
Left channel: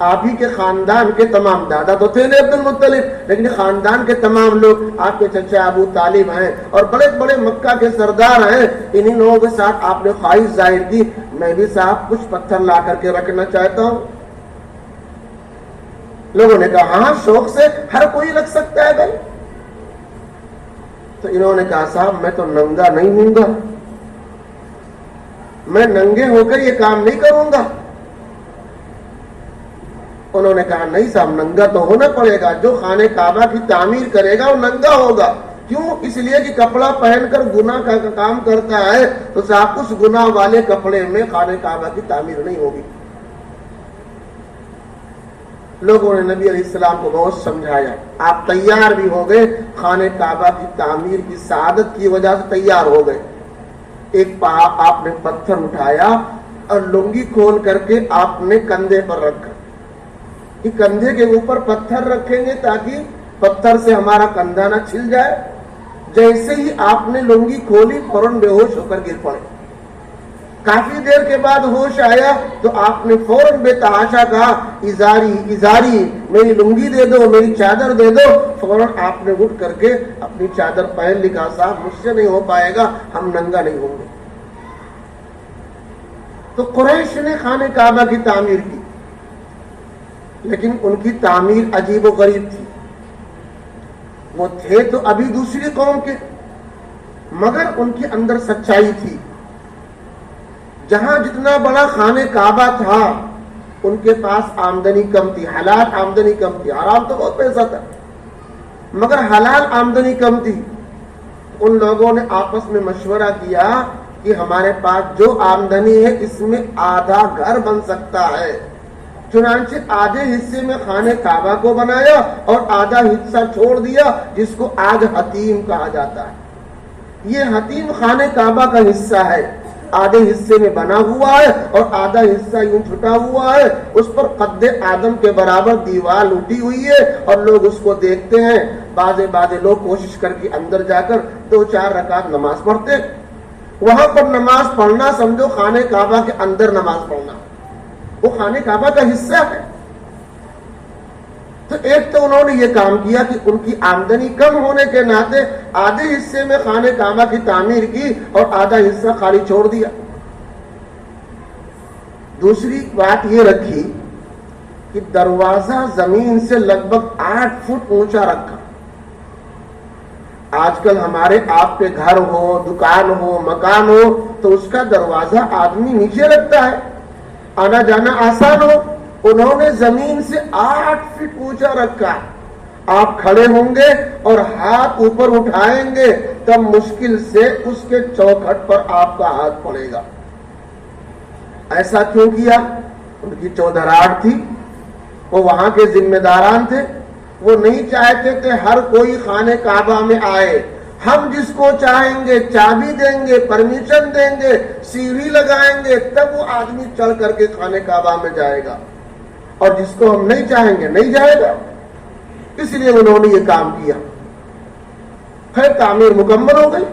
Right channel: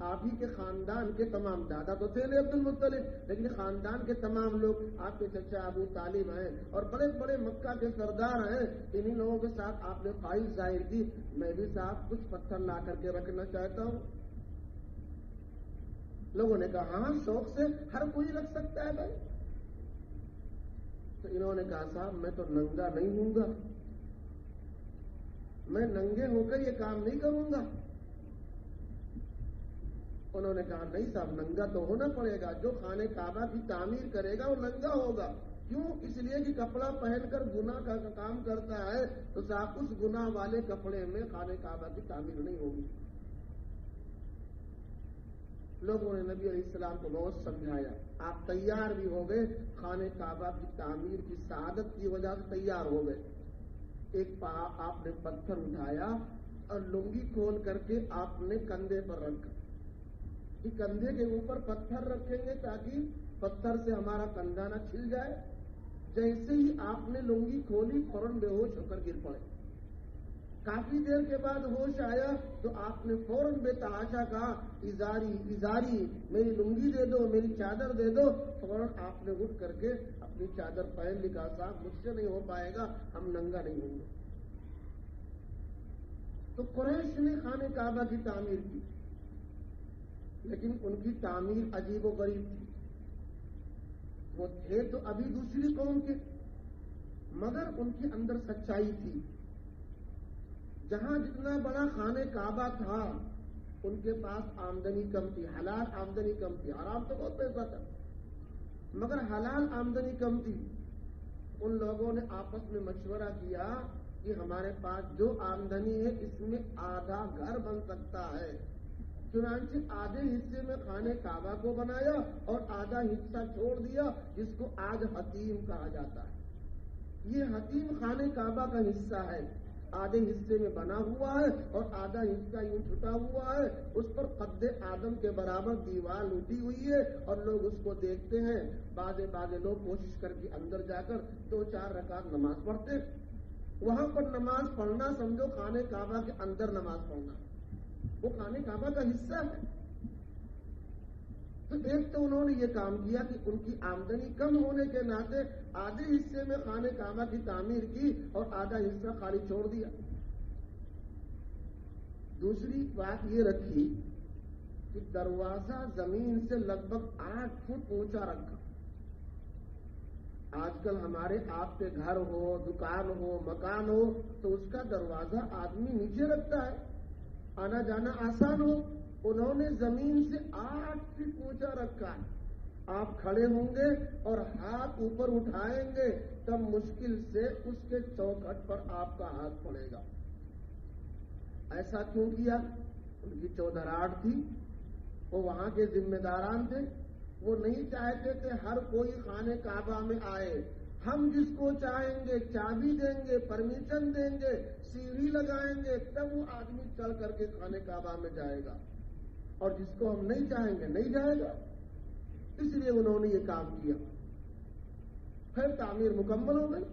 آپ ہی کے خاندان کے تمام, دادا تو تھے عبد المطلب, لیکن خاندان کے تمام لوگ آپ کے چچا ابو طالب ہیں اور بڑے بڑے مکہ کے سردار ہیں. انہی لوگوں کے ساتھ آپ نے خواہش ظاہر کی میں بھی صاحب کچھ پتھر لا کر کے رکھنا چاہتا ہوں. لوگوں نے کہا ہاں شوق سے ہر کوئی رکھ سکتا ہے بھائی. تو انہوں نے کہا صاحب میں تو ننگا نہیں ہوں گا, میں ننگے ہو کر یہ کام نہیں کروں گا. انہوں نے کہا نہیں صاحب ننگا تو ہونا پڑے گا, جو خانہ کعبہ کی تعمیر کرے گا وہ ننگا ہوگا. کیوں؟ اس لیے کہ کپڑا پہن کر گناہ کا کام کرتا ہے تو صاحب اس گناہ والے کپڑے میں خانہ کعبہ کی تعمیر نہیں ہوگی. لوگوں نے نبی علیہ السلام کو بہت سمجھایا, آپ تیار بھی ہو گئے, خانہ کعبہ کی تعمیر کی سعادت کی وجہ سے تیار ہو گئے. ایک آپ نے پتھر اٹھایا اور لنگی کھول کر کے آپ نے کندھے پر رکھا کہ کندھے کے اوپر پتھر رکھیں گے تاکہ پتھر سے ہمارا کندھا نہ چھل جائے. جیسے ہی آپ نے لنگی کھولی فوراً بے ہوش ہو کر گر پڑے. کافی دیر کے بعد ہوش آیا تو آپ نے فوراً بے تحاشا کہا ازاری ازاری, میری لنگی دے دو, میری چادر دے دو. فوراً آپ نے اٹھ کر کے اپنی چادر پہن لی. کہا صاحب مجھ سے نہیں ہو پائے گا, ہم ننگا نہیں ہوں گے. تو قریش نے خانہ کعبہ کی تعمیر کی, لیکن ان کی تعمیر عجیب و غریب تھی. وہ تھے تو ابھی دوسری قوم کے, مگر ان کے اندر سچائی تھی. جہاں جتنا بڑا خانہ کعبہ تھا ان کے پاس آمدنی کم تھی, حلال آمدنی کم تھی. حرام تو بہت پیسہ تھا مگر حلال آمدنی کم تھی. ان لوگوں نے آپس میں مشورہ کیا کہ ہمارے پاس جو آمدنی ہے اس میں آدھا گھر بن سکتا ہے. چنانچہ آدھے حصے میں خانہ کعبہ کو بنایا اور آدھا حصہ چھوڑ دیا جس کو آج حتیم کہا جاتا ہے. یہ حتیم خانہ کعبہ کا حصہ ہے, آدھے حصے میں بنا ہوا ہے اور آدھا حصہ یوں چھٹا ہوا ہے. اس پر قد آدم کے برابر دیوار اٹھی ہوئی ہے اور لوگ اس کو دیکھتے ہیں. بعض لوگ کوشش کر کے اندر جا کر 2-4 رکعت نماز پڑھتے. وہاں پر نماز پڑھنا سمجھو خانہ کعبہ کے اندر نماز پڑھنا, وہ خانہ کعبہ کا حصہ ہے. تو ایک تو انہوں نے یہ کام کیا کہ ان کی آمدنی کم ہونے کے ناطے آدھے حصے میں خانہ کعبہ کی تعمیر کی اور آدھا حصہ خالی چھوڑ دیا. دوسری بات یہ رکھی کہ دروازہ زمین سے لگ بھگ 8 فٹ اونچا رکھا. آج کل ہمارے آپ کے گھر ہو, دکان ہو, مکان ہو تو اس کا دروازہ آدمی نیچے رکھتا ہے, آنا جانا آسان ہو. انہوں نے زمین سے 8 فٹ اونچا رکھا. آپ کھڑے ہوں گے اور ہاتھ اوپر اٹھائیں گے تب مشکل سے اس کے چوکھٹ پر آپ کا ہاتھ پڑے گا. ایسا کیوں کیا؟ ان کی چودراہٹ تھی, وہ وہاں کے ذمہ داران تھے. وہ نہیں چاہتے کہ ہر کوئی خانہ کعبہ میں آئے. ہم جس کو چاہیں گے چابی دیں گے, پرمیشن دیں گے, سیڑھی لگائیں گے, تب وہ آدمی چڑھ کر کے خانہ کعبہ میں جائے گا, اور جس کو ہم نہیں چاہیں گے نہیں جائے گا. اس لیے انہوں نے یہ کام کیا. پھر تعمیر مکمل ہو گئی.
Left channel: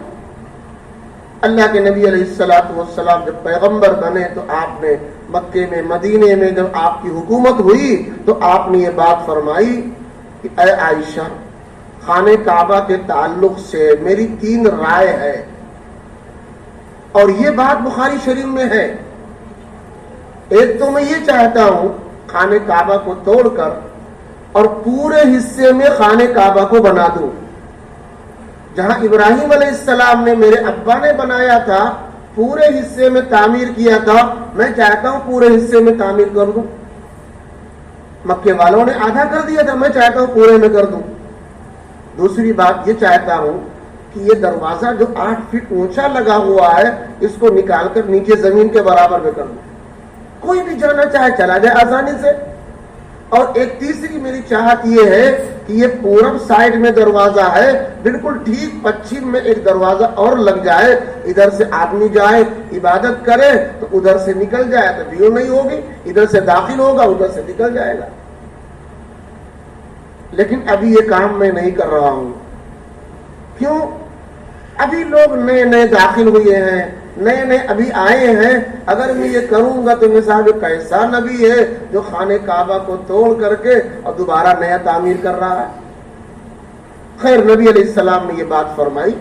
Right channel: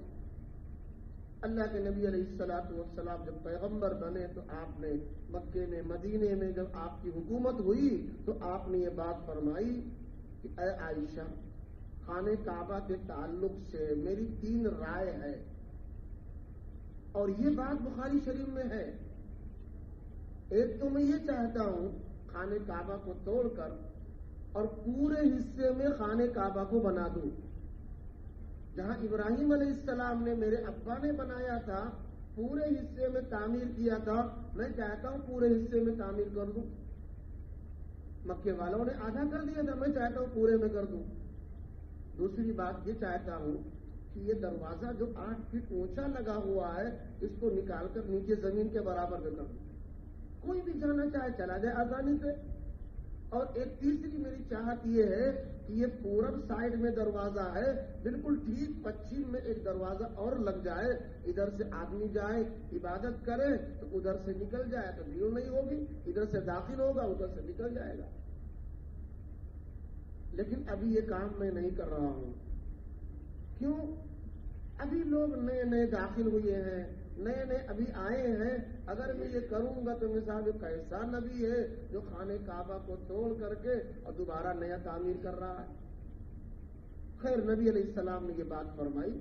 اللہ کے نبی علیہ السلام جب پیغمبر بنے تو آپ نے مکے میں, مدینے میں جب آپ کی حکومت ہوئی تو آپ نے یہ بات فرمائی کہ اے عائشہ, خانہ کعبہ کے تعلق سے میری 3 رائے ہے, اور یہ بات بخاری شریف میں ہے. ایک تو میں یہ چاہتا ہوں خانہ کعبہ کو توڑ کر اور پورے حصے میں خانہ کعبہ کو بنا دوں. جہاں ابراہیم علیہ السلام نے, میرے ابا نے بنایا تھا, پورے حصے میں تعمیر کیا تھا, میں چاہتا ہوں پورے حصے میں تعمیر کر دوں. مکے والوں نے آدھا کر دیا تھا, میں چاہتا ہوں پورے میں کر دوں. دوسری بات یہ چاہتا ہوں کہ یہ دروازہ جو 8 فٹ اونچا لگا ہوا ہے اس کو نکال کر نیچے زمین کے برابر میں کر دوں. کوئی بھی جانا چاہے چلا جائے آسانی سے. اور ایک تیسری میری چاہت یہ ہے کہ یہ پورب سائڈ میں دروازہ ہے، بالکل ٹھیک پچھم میں ایک دروازہ اور لگ جائے، ادھر سے آدمی جائے عبادت کرے تو ادھر سے نکل جائے تو بھیڑ نہیں ہوگی، ادھر سے داخل ہوگا ادھر سے نکل جائے گا۔ لیکن ابھی یہ کام میں نہیں کر رہا ہوں، کیوں؟ ابھی لوگ نئے نئے داخل ہوئے ہیں، نئے نئے ابھی آئے ہیں، اگر میں یہ کروں گا تو مثال کیسا نبی ہے جو خانہ کعبہ کو توڑ کر کے اور دوبارہ نیا تعمیر کر رہا ہے۔ خیر، نبی علیہ السلام نے یہ بات فرمائی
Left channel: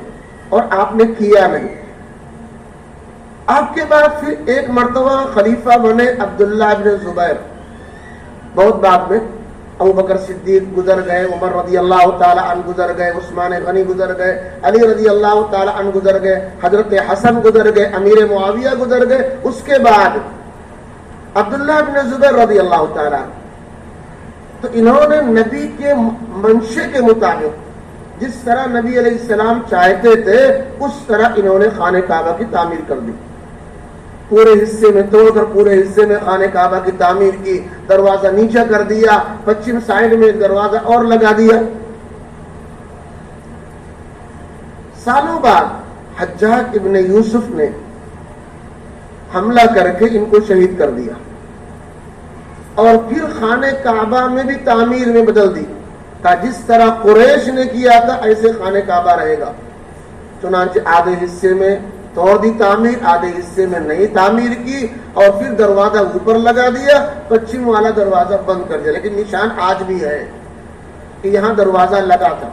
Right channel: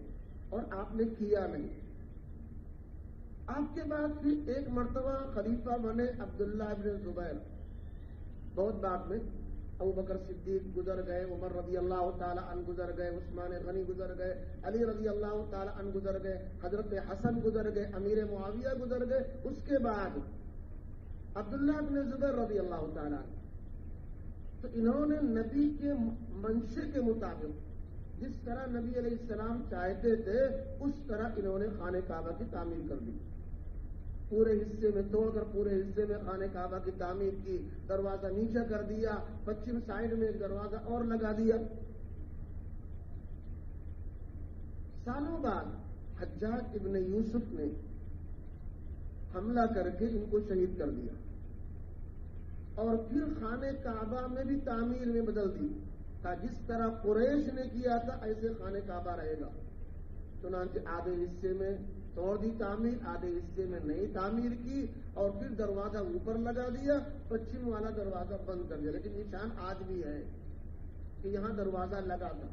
اور آپ نے کیا نہیں۔ آپ کے بعد پھر ایک مرتبہ خلیفہ بنے عبداللہ بن زبیر، بہت بعد میں۔ ابو بکر صدیق گزر گئے، عمر رضی اللہ تعالی عنہ گزر گئے، عثمان غنی گزر گئے، علی رضی اللہ تعالی عنہ گزر گئے، حضرت حسن گزر گئے، امیر معاویہ گزر گئے۔ اس کے بعد عبداللہ بن زبیر رضی اللہ تعالی عنہ، تو انہوں نے نبی کے منشے کے مطابق جس طرح نبی علیہ السلام چاہتے تھے اس طرح انہوں نے خانہ کعبہ کی تعمیر کر دی، پورے حصے میں توڑ کر پورے حصے میں خانہ کعبہ کی تعمیر کی، دروازہ نیچا کر دیا، پچھم سائڈ میں ایک دروازہ اور لگا دیا۔ سالوں بعد حجاج ابن یوسف نے حملہ کر کے ان کو شہید کر دیا اور پھر خانہ کعبہ میں بھی تعمیر میں بدل دی، کہ جس طرح قریش نے کیا تھا ایسے خانہ کعبہ رہے گا۔ چنانچہ آدھے حصے میں توڑ دی تعمیر، آدھے حصے میں نئی تعمیر کی اور پھر دروازہ اوپر لگا دیا، پچھم والا دروازہ بند کر دیا۔ لیکن نشان آج بھی ہے کہ یہاں دروازہ لگا تھا،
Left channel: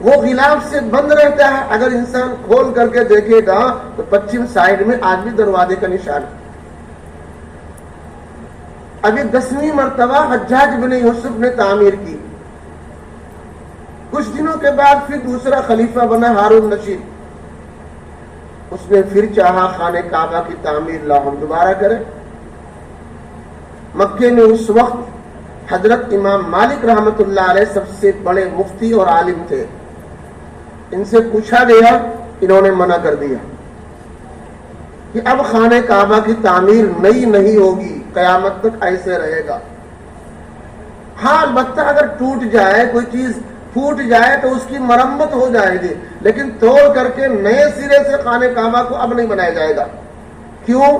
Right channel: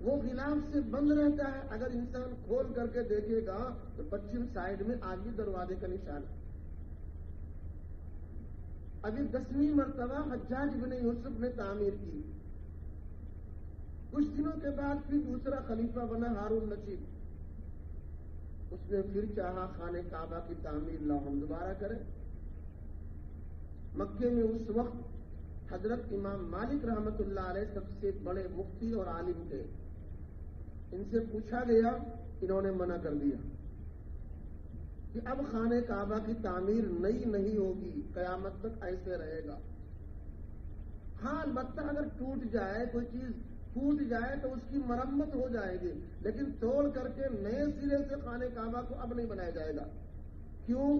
وہ غلاف سے بند رہتا ہے، اگر انسان کھول کر کے دیکھے گا تو پچھم سائڈ میں آج بھی دروازے کا نشان ہے۔ ابھی 10ویں مرتبہ حجاج بن یوسف نے تعمیر کی۔ کچھ دنوں کے بعد پھر دوسرا خلیفہ بنا ہارون رشید، اس نے پھر چاہا خانہ کعبہ کی تعمیر لاؤ ہم دوبارہ کریں۔ مکے میں اس وقت حضرت امام مالک رحمت اللہ علیہ سب سے بڑے مفتی اور عالم تھے، ان سے پوچھا گیا، انہوں نے منع کر دیا کہ اب خانہ کعبہ کی تعمیر نئی نہیں ہوگی، قیامت تک ایسے رہے گا۔ ہاں البتہ اگر ٹوٹ جائے، کوئی چیز پھوٹ جائے تو اس کی مرمت ہو جائے گی، لیکن توڑ کر کے نئے سرے سے خانہ کعبہ کو اب نہیں بنایا جائے گا۔ کیوں؟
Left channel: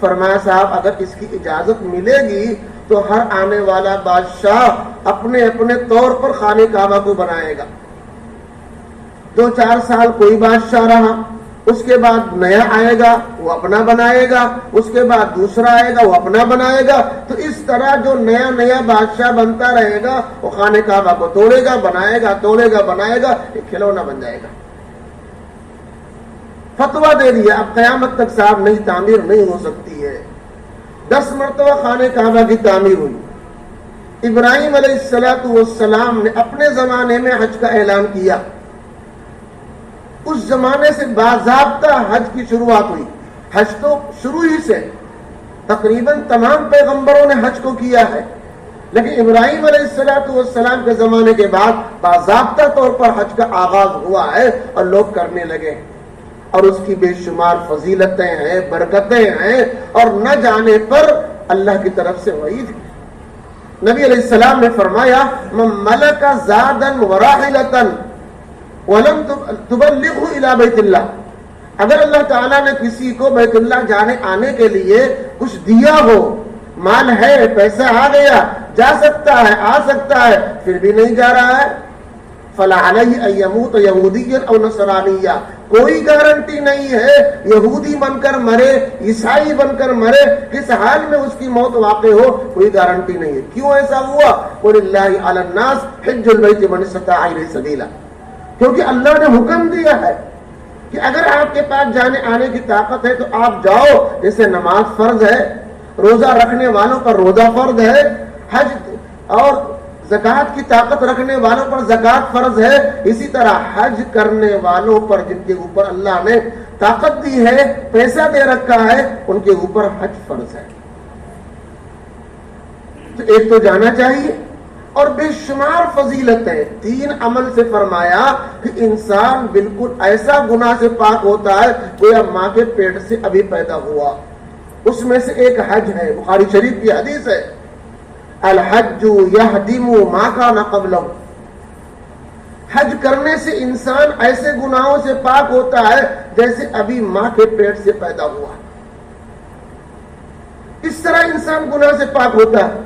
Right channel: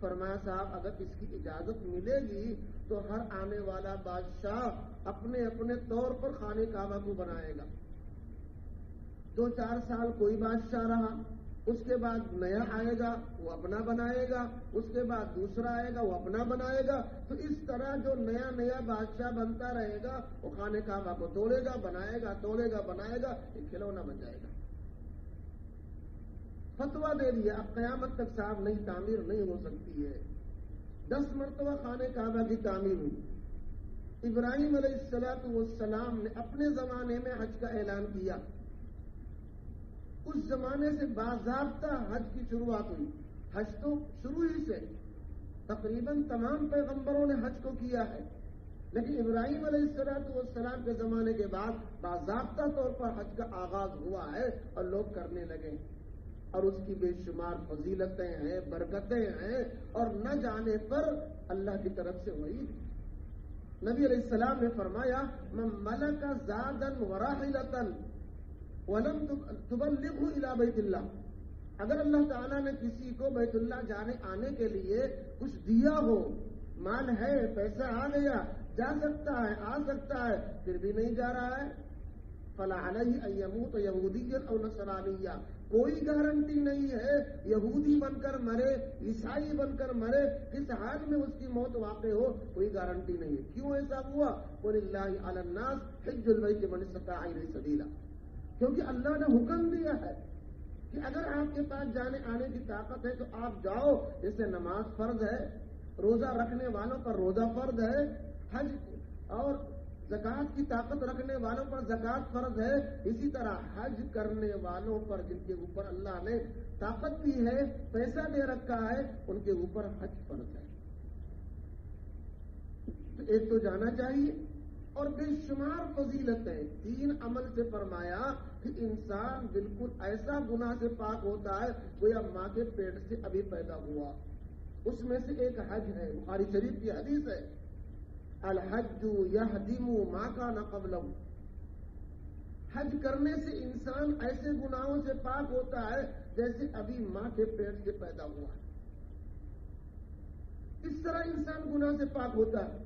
فرمایا صاحب اگر اس کی اجازت ملے گی تو ہر آنے والا بادشاہ اپنے اپنے طور پر خانہ کعبہ کو بنائے گا۔ 2-4 سال کوئی بادشاہ رہا، اس کے بعد نیا آئے گا وہ اپنا بنائے گا، اس کے بعد دوسرا آئے گا وہ اپنا بنائے گا، تو اس طرح جو نیا نیا بادشاہ بنتا رہے گا وہ خانہ کعبہ کو توڑے گا، بنائے گا، توڑے گا، بنائے گا، ایک کھلونا بن جائے گا۔ فتویٰ دے دیا اب قیامت تک صاحب نئی تعمیر نہیں ہو سکتی ہے۔ 10 مرتبہ خانہ کعبہ کی تعمیر ہوئی۔ ابراہیم علیہ السلام نے اپنے زمانے میں حج کا اعلان کیا، اس زمانے سے باضابطہ حج کی شروعات ہوئی۔ حج تو شروع ہی سے تقریباً تمام پیغمبروں نے حج کو کیا ہے، لیکن ابراہیم علیہ السلام کے زمانے کے بعد باضابطہ طور پر حج کا آغاز ہوا ہے اور لوگ کرنے لگے، اور اس کی بے شمار فضیلتیں ہیں، برکتیں ہیں، اور نہ جانے پر اللہ کی طرف سے وعید ہے۔ نبی علیہ السلام نے فرمایا من ملک زادا وراحلتا ولم تبلغه الى بیت اللہ، اگر اللہ تعالیٰ نے کسی کو بیت اللہ جانے آنے کے لیے کچھ دیا ہو، مال ہے، پیسہ آ گیا، جا سکتا ہے، آ سکتا ہے، پھر بھی نہیں جا رہا ہے، فلا علیہ ان یموت یہودیا او نصرانیا، کوئی گارنٹی نہیں ہے یہودی بن کر مرے، عیسائی بن کر مرے، کس حال میں اس کی موت واقع ہو کوئی گارنٹی نہیں ہے۔ کیوں ایسا ہوا؟ وَلِلَّهِ عَلَى النَّاسِ حِجُّ الْبَيْتِ مَنِ اسْتَطَاعَ إِلَيْهِ سَبِيلًا، کیونکہ اللہ نے حکم دیا ہے کہ اگر آپ کے پاس جانے آنے کی طاقت ہے تو آپ جاؤ۔ جیسے نماز فرض ہے، روزہ رکھنے والوں پر روزہ فرض ہے، حج اور زکوٰۃ کی طاقت رکھنے والوں پر زکوٰۃ فرض ہے، اسی طرح حج کرنے والوں پر جن کے اوپر اللہ نے طاقت دی ہے، پیسہ دے رکھا ہے، ان کے اوپر حج فرض ہے۔ تو ایک تو جانا چاہیے، اور بے شمار فضیلتیں۔ 3 عمل سے فرمایا کہ انسان بالکل ایسا گناہ سے پاک ہوتا ہے گویا ماں کے پیٹ سے ابھی پیدا ہوا۔ اس میں سے ایک حج ہے، بخاری شریف کی حدیث ہے۔ الحج یہدم ما کان قبلہ، حج کرنے سے انسان ایسے گناہوں سے پاک ہوتا ہے جیسے ابھی ماں کے پیٹ سے پیدا ہوا، اس طرح انسان گناہ سے پاک ہوتا ہے۔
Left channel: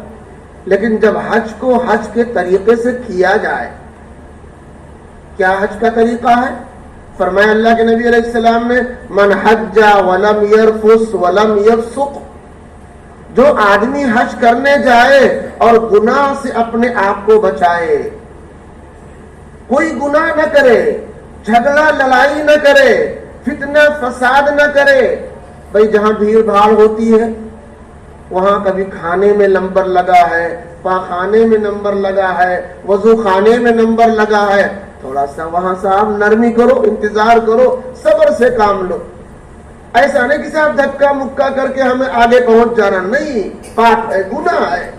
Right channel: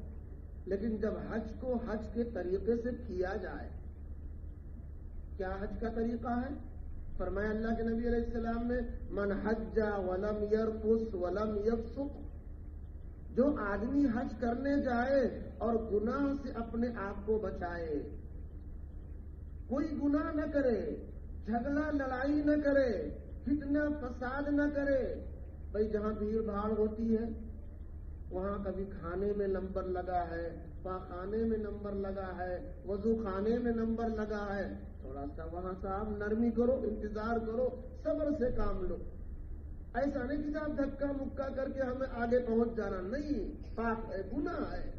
لیکن جب حج کو حج کے طریقے سے کیا جائے، کیا حج کا طریقہ ہے؟ فرمایا اللہ کے نبی علیہ السلام نے، من حج ولم یرفث ولم یفسق، جو آدمی حج کرنے جائے اور گناہ سے اپنے آپ کو بچائے، کوئی گناہ نہ کرے، جھگڑا لڑائی نہ کرے، فتنہ فساد نہ کرے۔ بھئی جہاں بھیڑ بھاڑ ہوتی ہے وہاں کبھی کھانے میں نمبر لگا ہے، پاخانے میں نمبر لگا ہے، وضو خانے میں نمبر لگا ہے، تھوڑا سا وہاں صاحب نرمی کرو، انتظار کرو، صبر سے کام لو۔ ایسا نہیں کہ صاحب دھکا مکا کر کے ہمیں آگے پہنچ جانا، نہیں، پاک ہے، گناہ ہے۔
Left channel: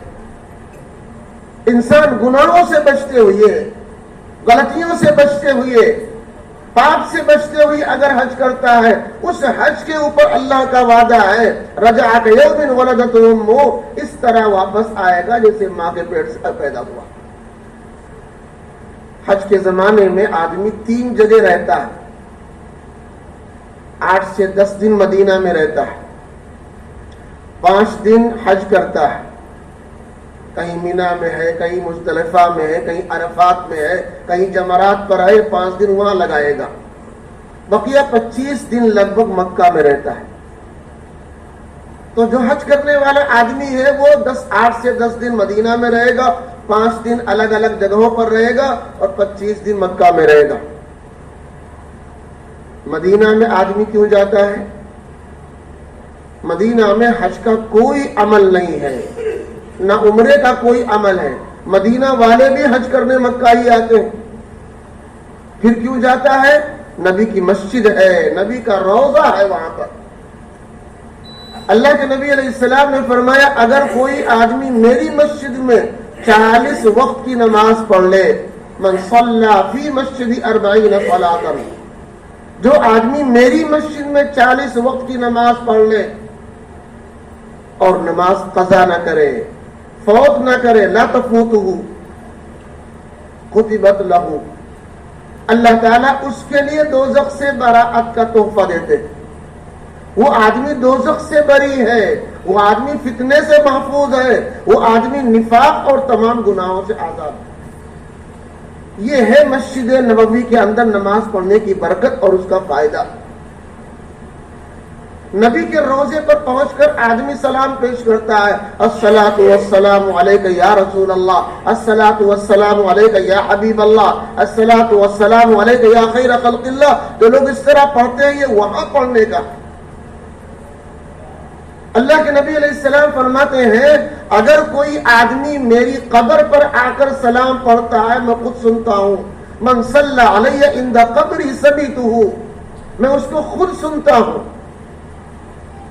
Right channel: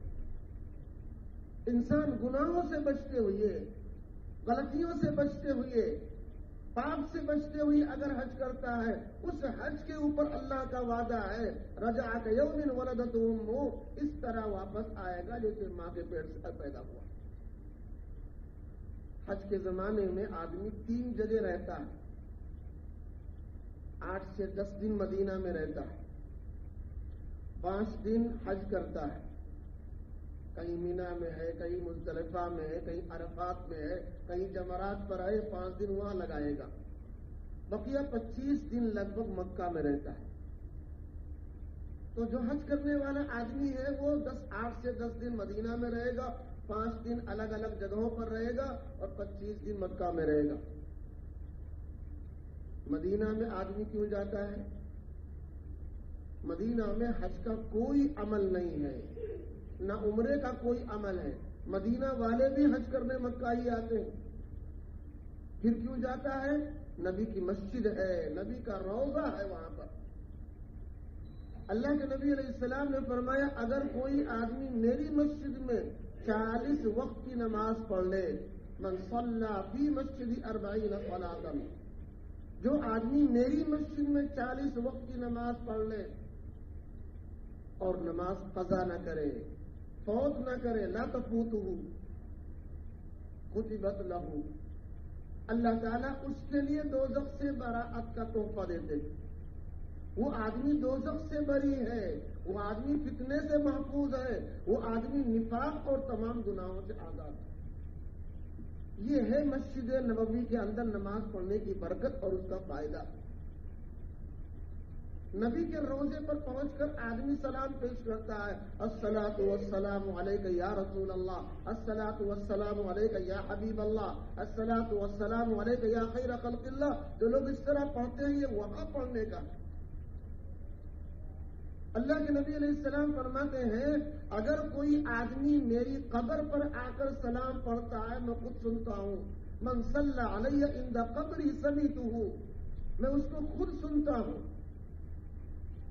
انسان گناہوں سے بچتے ہوئے، غلطیوں سے بچتے ہوئے، پاپ سے بچتے ہوئے اگر حج کرتا ہے، اس حج کے اوپر اللہ کا وعدہ ہے، رجع کیوم ولدتہ امہ، اس طرح واپس آئے گا جیسے ماں کے پیٹ سے پیدا ہوا۔ حج کے زمانے میں آدمی 3 جگہ رہتا ہے، 8 سے 10 دن مدینہ میں رہتا ہے، 5 دن حج کرتا ہے، کہیں مینا میں ہے، کہیں مزدلفہ میں ہے، کہیں عرفات میں ہے، کہیں جمرات پر ہے، 5 دن وہاں لگائے گا، بقیہ 25 دن لگ بھگ مکہ میں رہتا ہے۔ تو جو حج کرنے والا آدمی ہے وہ 8 سے 10 دن مدینہ میں رہے گا، 5 دن الگ الگ جگہوں پر رہے گا اور 25 دن مکہ میں رہے گا۔ مدینہ میں آدمی کیوں جاتا ہے؟ مدینہ میں حج کا کوئی عمل نہیں ہے، نہ عمرے کا کوئی عمل ہے۔ مدینہ والے بھی حج کرنے مکہ ہی آتے ہیں۔ پھر کیوں جاتا ہے؟ نبی کی مسجد ہے، نبی کا روضہ ہے وہاں پر۔ اللہ کے نبی علیہ السلام نے فرمایا اگر کوئی آدمی میری مسجد میں 40 وقت کی نماز پڑھ لے، من صلی فی مسجدی 40 صلاۃ، جو آدمی میری مسجد میں 40 وقت کی نماز پڑھ لے اور نماز قضا نہ کرے، فوت نہ کرے، لا تفوتہ کتبت لہ، اللہ تعالیٰ اس کے لیے دوزخ سے براءت کا تحفہ دیتے۔ وہ آدمی دوزخ سے بری ہے، وہ آدمی فتنے سے محفوظ ہے، وہ آدمی نفاق اور تمام گناہوں سے آزاد ہے۔ یہ ہے مسجد نبوی کے اندر نماز پڑھنے کی برکت اور اس کا فائدہ۔ نبی کے روزے پر پہنچ کر آدمی سلام پیش کرتا ہے، الصلاۃ والسلام علیک یا رسول اللہ، الصلاۃ والسلام علیک یا حبیب اللہ، الصلاۃ والسلام علیک یا خیر خلق اللہ۔ جو لوگ اس طرح پڑھتے ہیں یہ وہاں پڑھنے کا۔ اللہ کے نبی علیہ السلام فرماتے ہیں اگر کوئی آدمی میری قبر پر آ کر سلام پڑھتا ہے میں خود سنتا ہوں، من صلی علی عند قبری سمیتہ، میں اس کو خود سنتا ہوں۔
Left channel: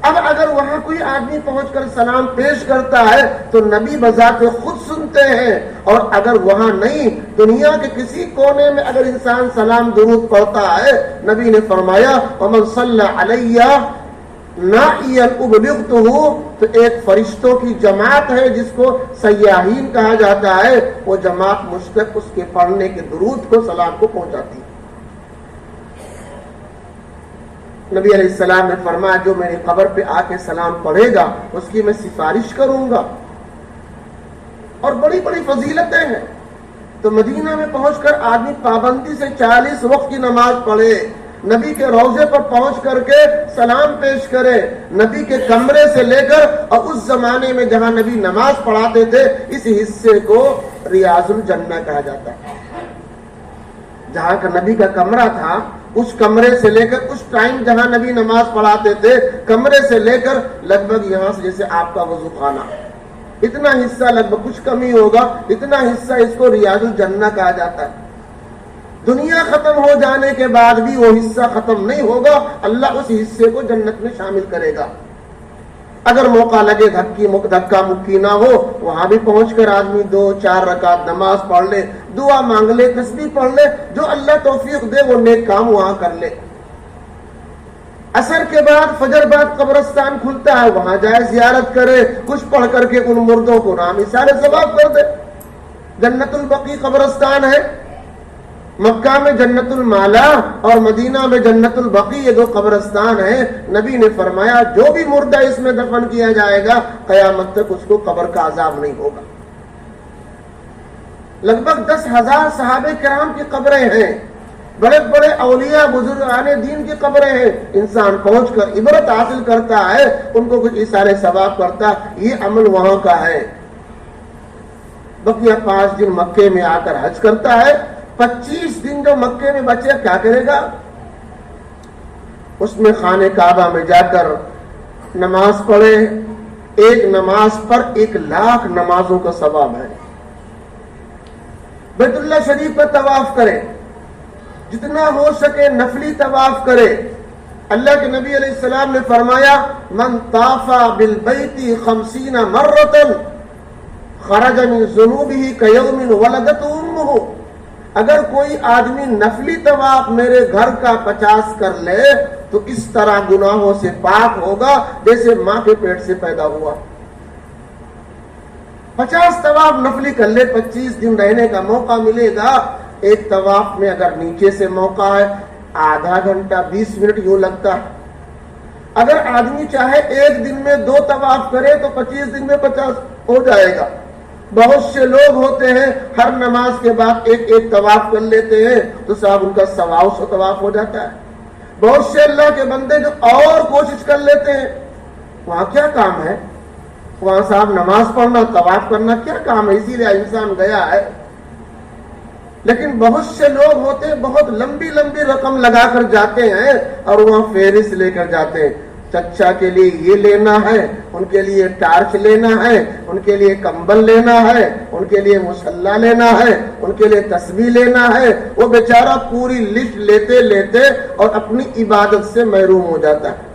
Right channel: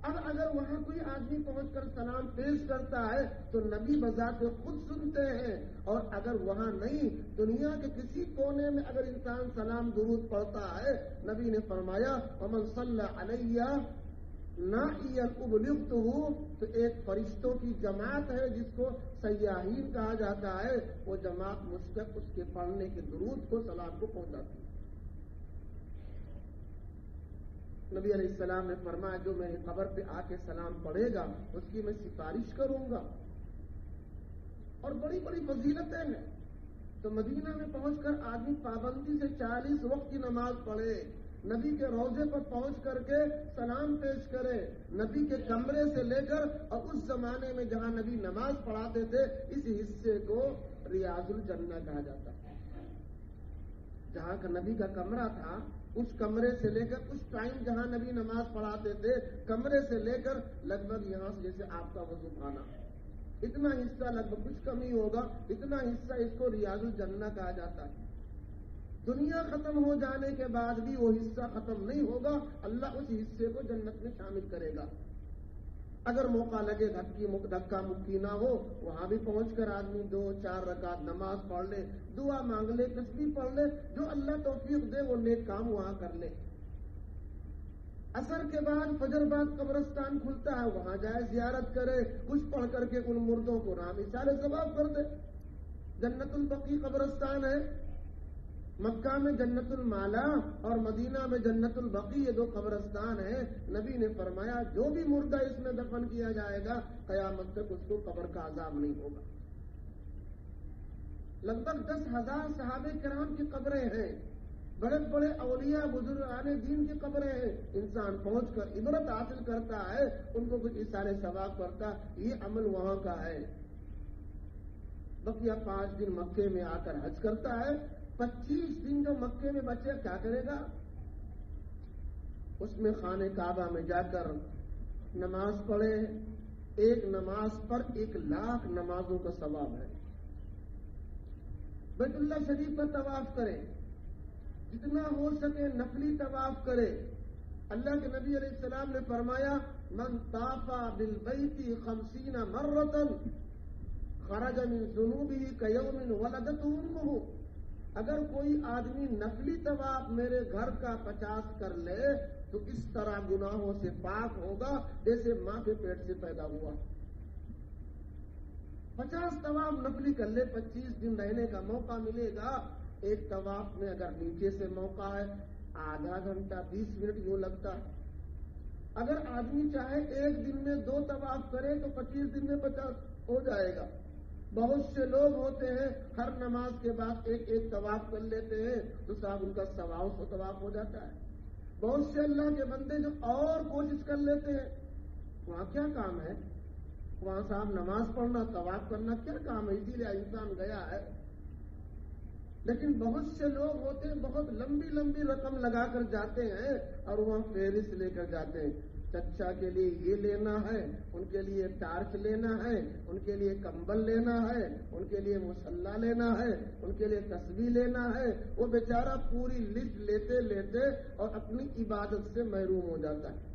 اب اگر وہاں کوئی آدمی پہنچ کر سلام پیش کرتا ہے تو نبی بذات خود سنتے ہیں، اور اگر وہاں نہیں، دنیا کے کسی کونے میں اگر انسان سلام درود پڑھتا ہے، نبی نے فرمایا ومن صلی علی نائیا ابلغتہ، تو ایک فرشتوں کی جماعت ہے جس کو سیاحین کہا جاتا ہے، وہ جماعت مجھ تک اس کے پڑھنے کے درود کو، سلام کو پہنچاتی ہے۔ نبی علیہ السلام نے فرمایا جو میری قبر پہ آ کے سلام پڑھے گا اس کی میں سفارش کروں گا، اور بڑی بڑی فضیلتیں ہیں۔ تو مدینہ میں پہنچ کر آدمی پابندی سے 40 وقت کی نماز پڑھے، نبی کے روضے پر پہنچ کر کے سلام پیش کرے، نبی کے کمرے سے لے کر، اور اس زمانے میں جہاں نبی نماز پڑھاتے تھے اس حصے کو ریاض الجنہ کہا جاتا ہے۔ جہاں کا نبی کا کمرہ تھا اس کمرے سے لے کر، اس ٹائم جہاں نبی نماز پڑھاتے تھے کمرے سے لے کر لگ بھگ یہاں سے جیسے آپ کا وضو خانہ، اتنا حصہ، لگ بھگ کچھ کمی ہوگا، اتنا حصہ اس کو ریاض الجنہ کہا جاتا ہے۔ دنیا ختم ہو جانے کے بعد بھی وہ حصہ ختم نہیں ہوگا، اللہ اس حصے کو جنت میں شامل کرے گا۔ اگر موقع لگے دھکا مکی نہ ہو، وہاں بھی پہنچ کر آدمی 2-4 رکعت نماز پڑھ لے، دعا مانگ لے، تسبیح پڑھ لے، جو اللہ توفیق دے وہ نیک کام وہاں کر لے۔ عصر کے بعد فجر بعد قبرستان کھلتا ہے، وہاں جائے زیارت کرے، کچھ پڑھ کر کے ان مردوں کو نام اثار ثواب کر دے۔ جنت البقیع قبرستان ہے، مکہ میں جنت المالا اور مدینہ میں جنت البقیع، یہ دو قبرستان ہیں۔ نبی نے فرمایا جو بھی مردہ اس میں دفن کیا جائے گا قیامت تک اس کو قبر کا عذاب نہیں ہوگا۔ لگ بھگ 10,000 صحابہ کرام کی قبریں ہیں، بڑے بڑے اولیاء بزرگان دین کی قبریں ہیں۔ انسان پہنچ کر عبرت حاصل کرتا ہے، ان کو کچھ اشارے ثواب کرتا، یہ عمل وہاں کا ہے۔ بقیہ 5 دن مکے میں آ کر حج کرتا ہے، 25 دن جو مکے میں بچے کیا کرے گا؟ اس میں خانہ کعبہ میں جا کر نماز پڑھے، ایک نماز پر 1,00,000 نمازوں کا ثواب ہے۔ بیت اللہ شریف پر طواف کرے، جتنا ہو سکے نفلی طواف کرے۔ اللہ کے نبی علیہ السلام نے فرمایا من طاف بالبیت 50 مرۃ خرج من ذنوبہ کیوم ولدت امہ، اگر کوئی آدمی نفلی طواف میرے گھر کا 50 کر لے تو اس طرح گناہوں سے پاک ہوگا جیسے ماں کے پیٹ سے پیدا ہوا۔ 50 طواف نفلی کر لے، 25 دن رہنے کا موقع ملے گا۔ ایک طواف میں اگر نیچے سے موقع ہے آدھا گھنٹہ 20 منٹ یوں لگتا ہے۔ اگر آدمی چاہے ایک دن میں 2 طواف کرے تو 25 دن میں 50 ہو جائے گا۔ بہت سے لوگ ہوتے ہیں ہر نماز کے بعد ایک طواف کر لیتے ہیں تو صاحب ان کا 125 طواف ہو جاتا ہے۔ بہت سے اللہ کے بندے جو اور کوشش کر لیتے ہیں، وہاں کیا کام ہے؟ وہاں صاحب نماز پڑھنا طواف کرنا کیا کام ہے؟ اسی لیے انسان گیا ہے۔ لیکن بہت سے لوگ ہوتے ہیں بہت لمبی لمبی رقم لگا کر جاتے ہیں اور وہاں فہرست لے کر جاتے ہیں، چچا کے لیے یہ لینا ہے، ان کے لیے ٹارچ لینا ہے، ان کے لیے کمبل لینا ہے، ان کے لیے مصلی لینا ہے، ان کے لیے تسبیح لینا ہے۔ وہ بیچارہ پوری لسٹ لیتے لیتے اور اپنی عبادت سے محروم ہو جاتا ہے۔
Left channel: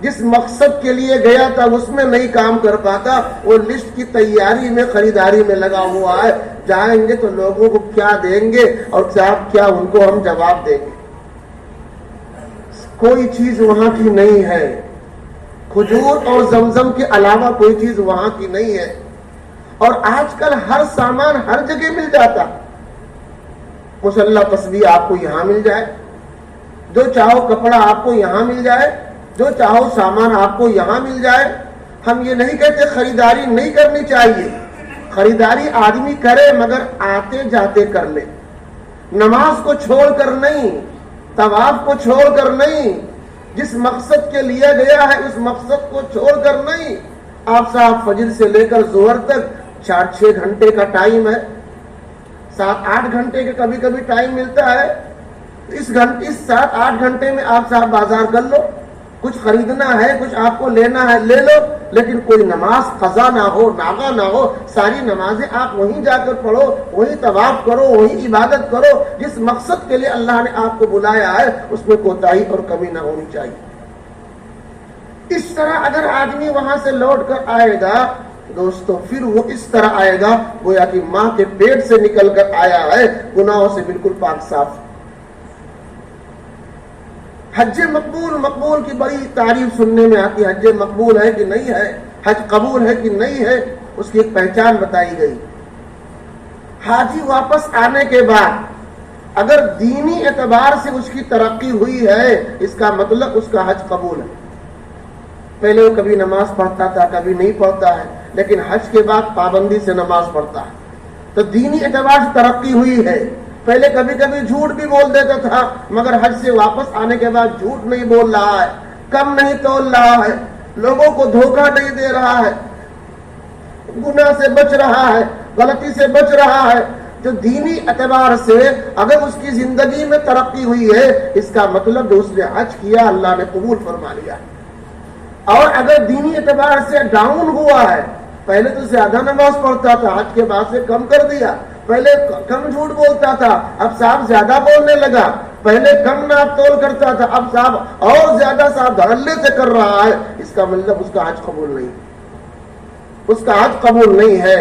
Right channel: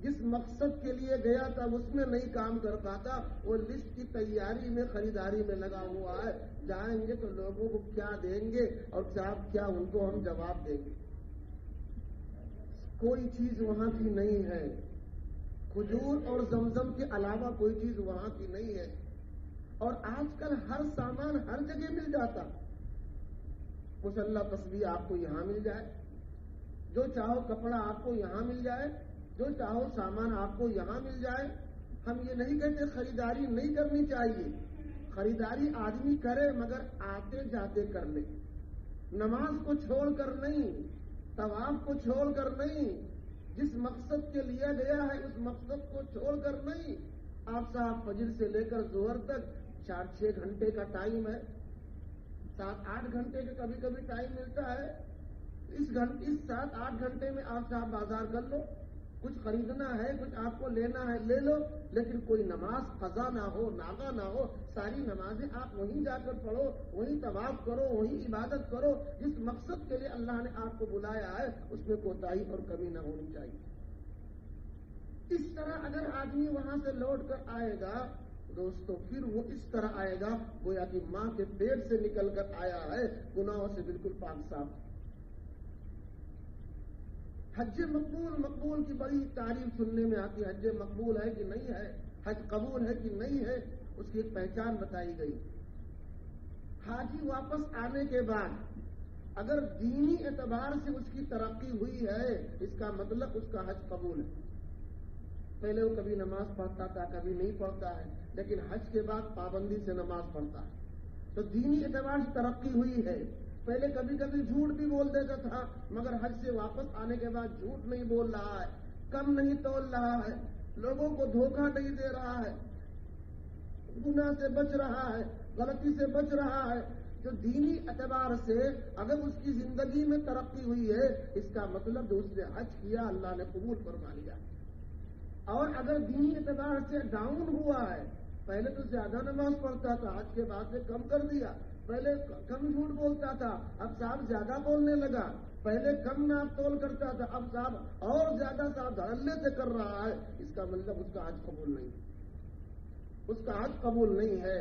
جس مقصد کے لیے گیا تھا اس میں نہیں کام کر پاتا، وہ لسٹ کی تیاری میں خریداری میں لگا ہوا ہے۔ جائیں گے تو لوگوں کو کیا دیں گے اور کیا ان کو ہم جواب دیں گے؟ کوئی چیز وہاں کی نہیں ہے، کھجور اور زمزم کے علاوہ کوئی چیز وہاں کی نہیں ہے۔ اور آج کل ہر سامان ہر جگہ مل جاتا، مصلی تسبیح آپ کو یہاں مل جائے، جو چاہو کپڑا آپ کو یہاں مل جائے، جو چاہو سامان آپ کو یہاں مل جائے۔ ہم یہ نہیں کہتے خریداری نہیں کرنی چاہیے، خریداری آدمی کرے مگر آتے جاتے کر لے، نماز کو چھوڑ کر نہیں، طواف کو چھوڑ کر نہیں، جس مقصد کے لیے گیا ہے اس مقصد کو چھوڑ کر نہیں۔ آپ صاحب فجر سے لے کر ظہر تک 4-6 گھنٹے کا ٹائم ہے، 7-8 گھنٹے کا کبھی کبھی ٹائم ملتا ہے۔ اس 7-8 گھنٹے میں آپ صاحب بازار کر لو، کچھ خریدنا ہے، کچھ آپ کو لینا ہے لے لو، لیکن کوئی نماز قضا نہ ہو، ناغا نہ ہو۔ ساری نمازیں آپ وہیں جا کر پڑھو، وہیں طواف کرو، وہیں عبادت کرو۔ جس مقصد کے لیے اللہ نے آپ کو بلایا ہے اس میں کوتاہی اور کمی نہ ہونی چاہیے۔ اس طرح اگر آدمی وہاں سے لوٹ کر آئے گا دوستو، پھر وہ اس طرح آئے گا گویا کہ ماں کے پیٹ سے نکل کر آیا ہے، گناہوں سے بالکل پاک صاف۔ حج مقبول کی بڑی تعریف سننے میں آتی ہے، حج مقبول ہے کہ نہیں ہے، حج قبول ہے کہ نہیں ہے، اس کی ایک پہچان بتائی گئی۔ حاجی واپس آنے کے بعد اگر دینی اعتبار سے اس کی ترقی ہوئی ہے اس کا مطلب اس کا حج قبول ہے۔ پہلے وہ کبھی نماز پڑھتا تھا کبھی نہیں پڑھتا ہے، لیکن حج کے بعد پابندی سے نماز پڑھتا ہے، تو دینی اعتبار سے ترقی ہوئی ہے۔ پہلے کبھی کبھی جھوٹ بھی بول دیتا تھا مگر حج سے واپس آنے کے بعد جھوٹ نہیں بول رہا ہے، کم نہیں تول رہا ہے، لوگوں کو دھوکہ نہیں دے رہا ہے، گناہ سے بچ رہا ہے، غلطی سے بچ رہا ہے۔ جو دینی اعتبار سے اگر اس کی زندگی میں ترقی ہوئی ہے اس کا مطلب جو اس نے حج کیا اللہ نے قبول فرما لیا۔ اور اگر دینی اعتبار سے ڈاؤن ہوا ہے، پہلے تو زیادہ نماز پڑھتا تھا حج کے بعد سے کم کر دیا، پہلے کم جھوٹ بولتا تھا اب صاحب زیادہ بولنے لگا، پہلے کم ناپ تول کرتا تھا اب صاحب اور زیادہ صاحب دھڑلے سے کر رہا ہے، اس کا مطلب اس کا حج قبول نہیں، اس کا حج قبول نہیں ہے۔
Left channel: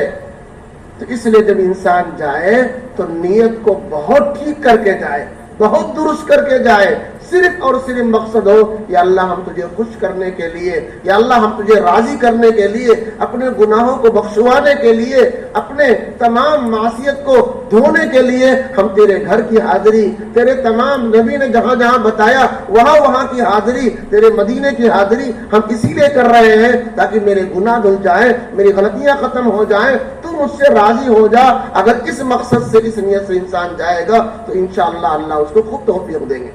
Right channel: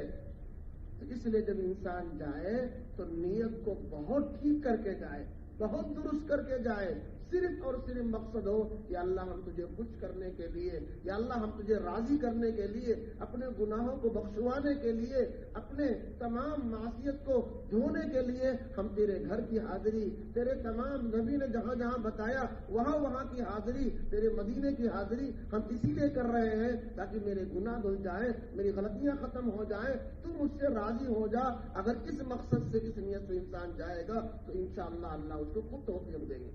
تو اس لیے جب انسان جائے تو نیت کو بہت ٹھیک کر کے جائے، بہت درست کر کے جائے، صرف اور صرف مقصد ہو یا اللہ ہم تجھے خوش کرنے کے لیے، یا اللہ ہم تجھے راضی کرنے کے لیے، اپنے گناہوں کو بخشوانے کے لیے، اپنے تمام معصیت کو دھونے کے لیے ہم تیرے گھر کی حاضری، تیرے تمام نبی نے جہاں جہاں بتایا وہاں وہاں کی حاضری، تیرے مدینے کی حاضری ہم اسی لیے کر رہے ہیں تاکہ میرے گناہ دھل جائیں، میری غلطیاں ختم ہو جائیں، تو مجھ سے راضی ہو جا۔ اگر اس مقصد سے، اس نیت سے انسان جائے گا تو انشاءاللہ اللہ اس کو خوب توفیق دیں گے۔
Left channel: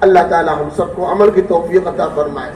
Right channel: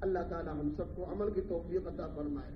اللہ تعالی ہم سب کو عمل کی توفیق عطا فرمائے۔